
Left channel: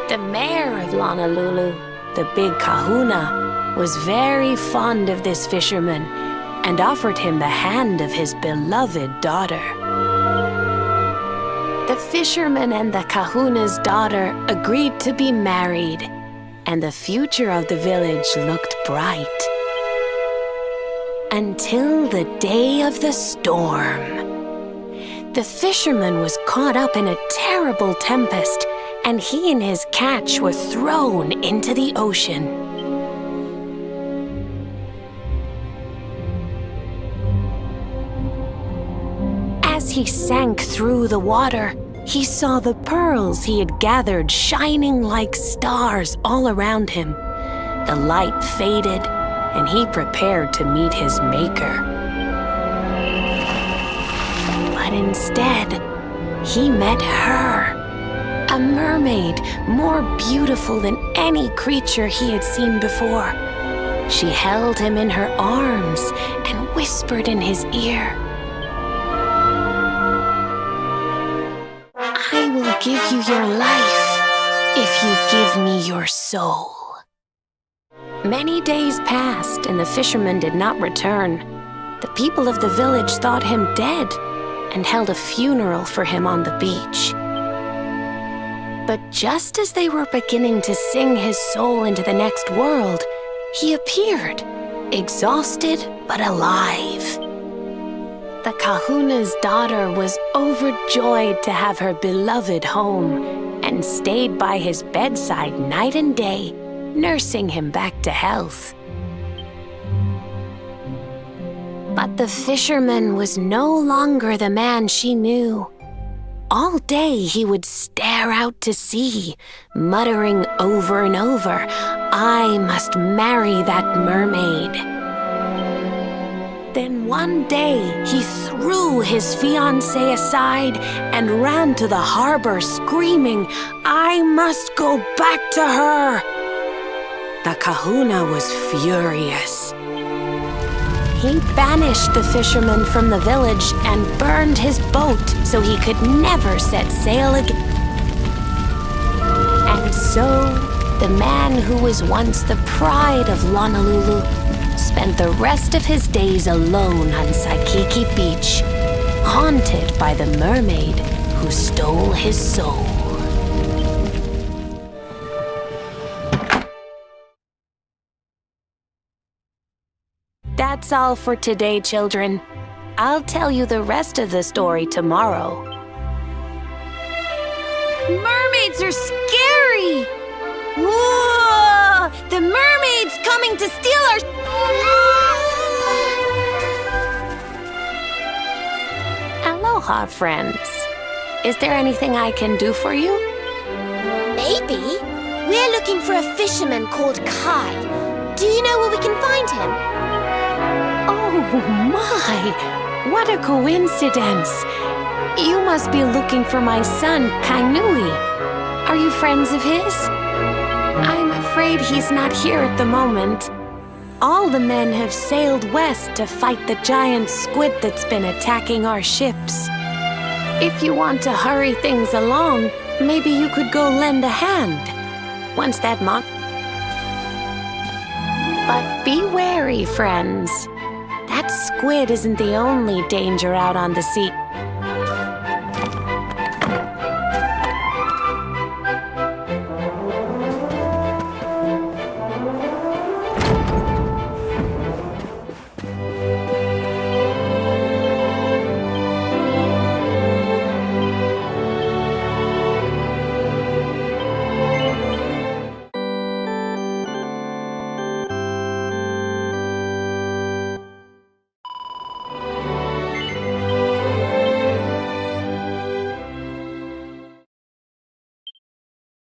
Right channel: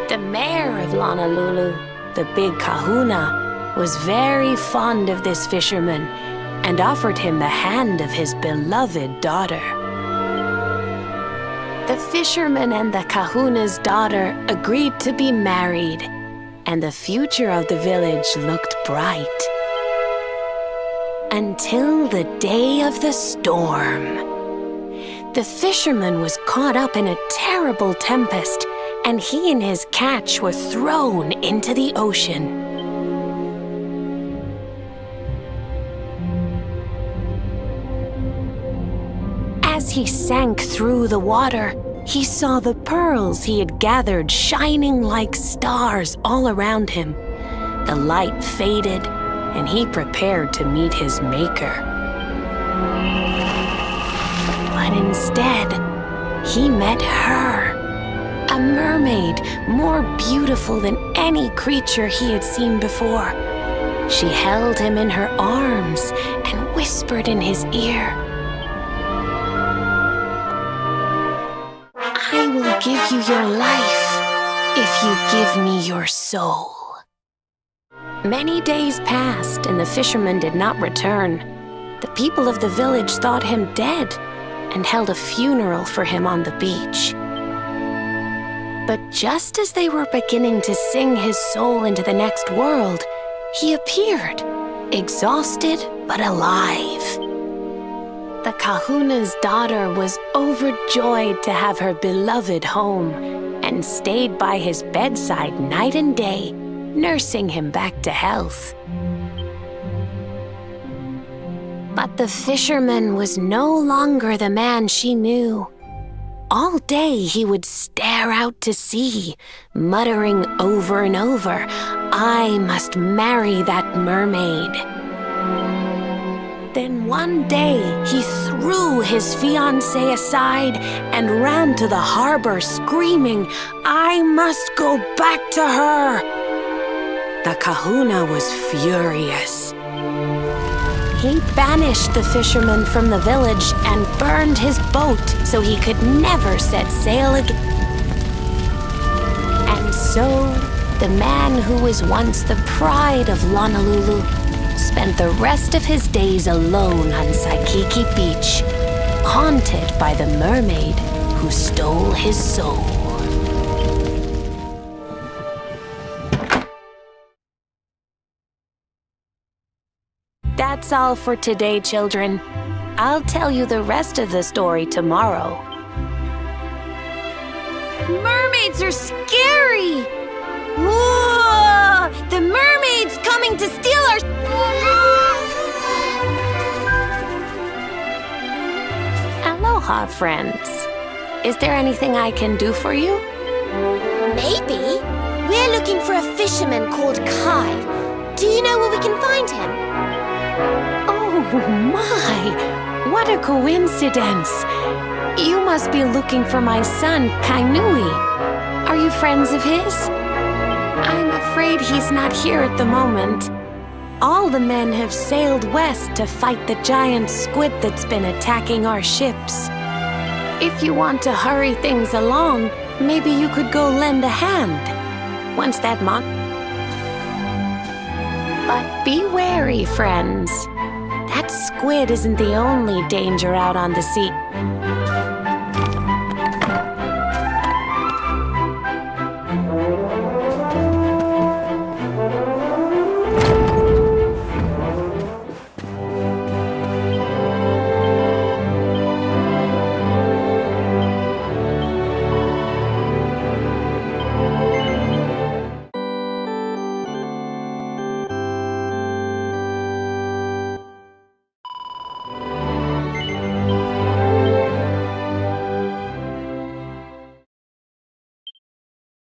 The mayor of Honolulu, the big kahuna, was very fond of this fisherman and offered him the hand of his beloved daughter. The fisherman and the kahuna's daughter agreed to be married, and the future of the village looked bright. Until the day of the storm. The fisherman was caught up in a terrible tempest, and he and his catch were thrown into the ocean. As he sank through the water, he saw the pearls he had gathered shining like stars all around him. The light faded, and he prepared to meet his maker. But instead, he met her, a mermaid more beautiful than any creature he had seen before. She held him in her arms and whispered in his ear, "I will give you your life if you give me your soul." Many days passed and the fisherman did not return. The people of the village thought him dead and held a funeral for him on the beach. But just as they were beginning to sing his soul into the next world, he appeared, exhausted but alive. The kahuna's daughter was overjoyed to have her beloved home and stayed by his bedside night and day, nursing him back to health. But the fisherman was no longer the man she knew. All day he would stare out to sea, muttering over and over, "I must marry that mermaid." Then one day he threw his fiancée aside and ran to the harbor screaming, "I must go back to her." The kahuna was furious. He banished the fisherman from the village and burned his boat so he could never set sail again. And so, the man who was once the pride of Honolulu spent the rest of his days alone on Saikiki Beach, haunted by the mermaid who stole his soul. That's all for today, children. I'll tell you the rest of the story tomorrow. Mermaids are scary! Whoa! The mermaid's coming to steal our... Aloha, friends. Is there anything I can do for you? Maybe. We're looking for a fisherman called Kai. Do you know where we can find him? Oh my! What a coincidence! You must be looking for my son, Kainui. Are you friends of his? I'm afraid he's not here at the moment. All the men have sailed west to fight the giant squid that's been attacking our ships. If you want to hurry things along, maybe you could go lend a hand. Once that But be wary, friends. That squid isn't the only danger out on the sea.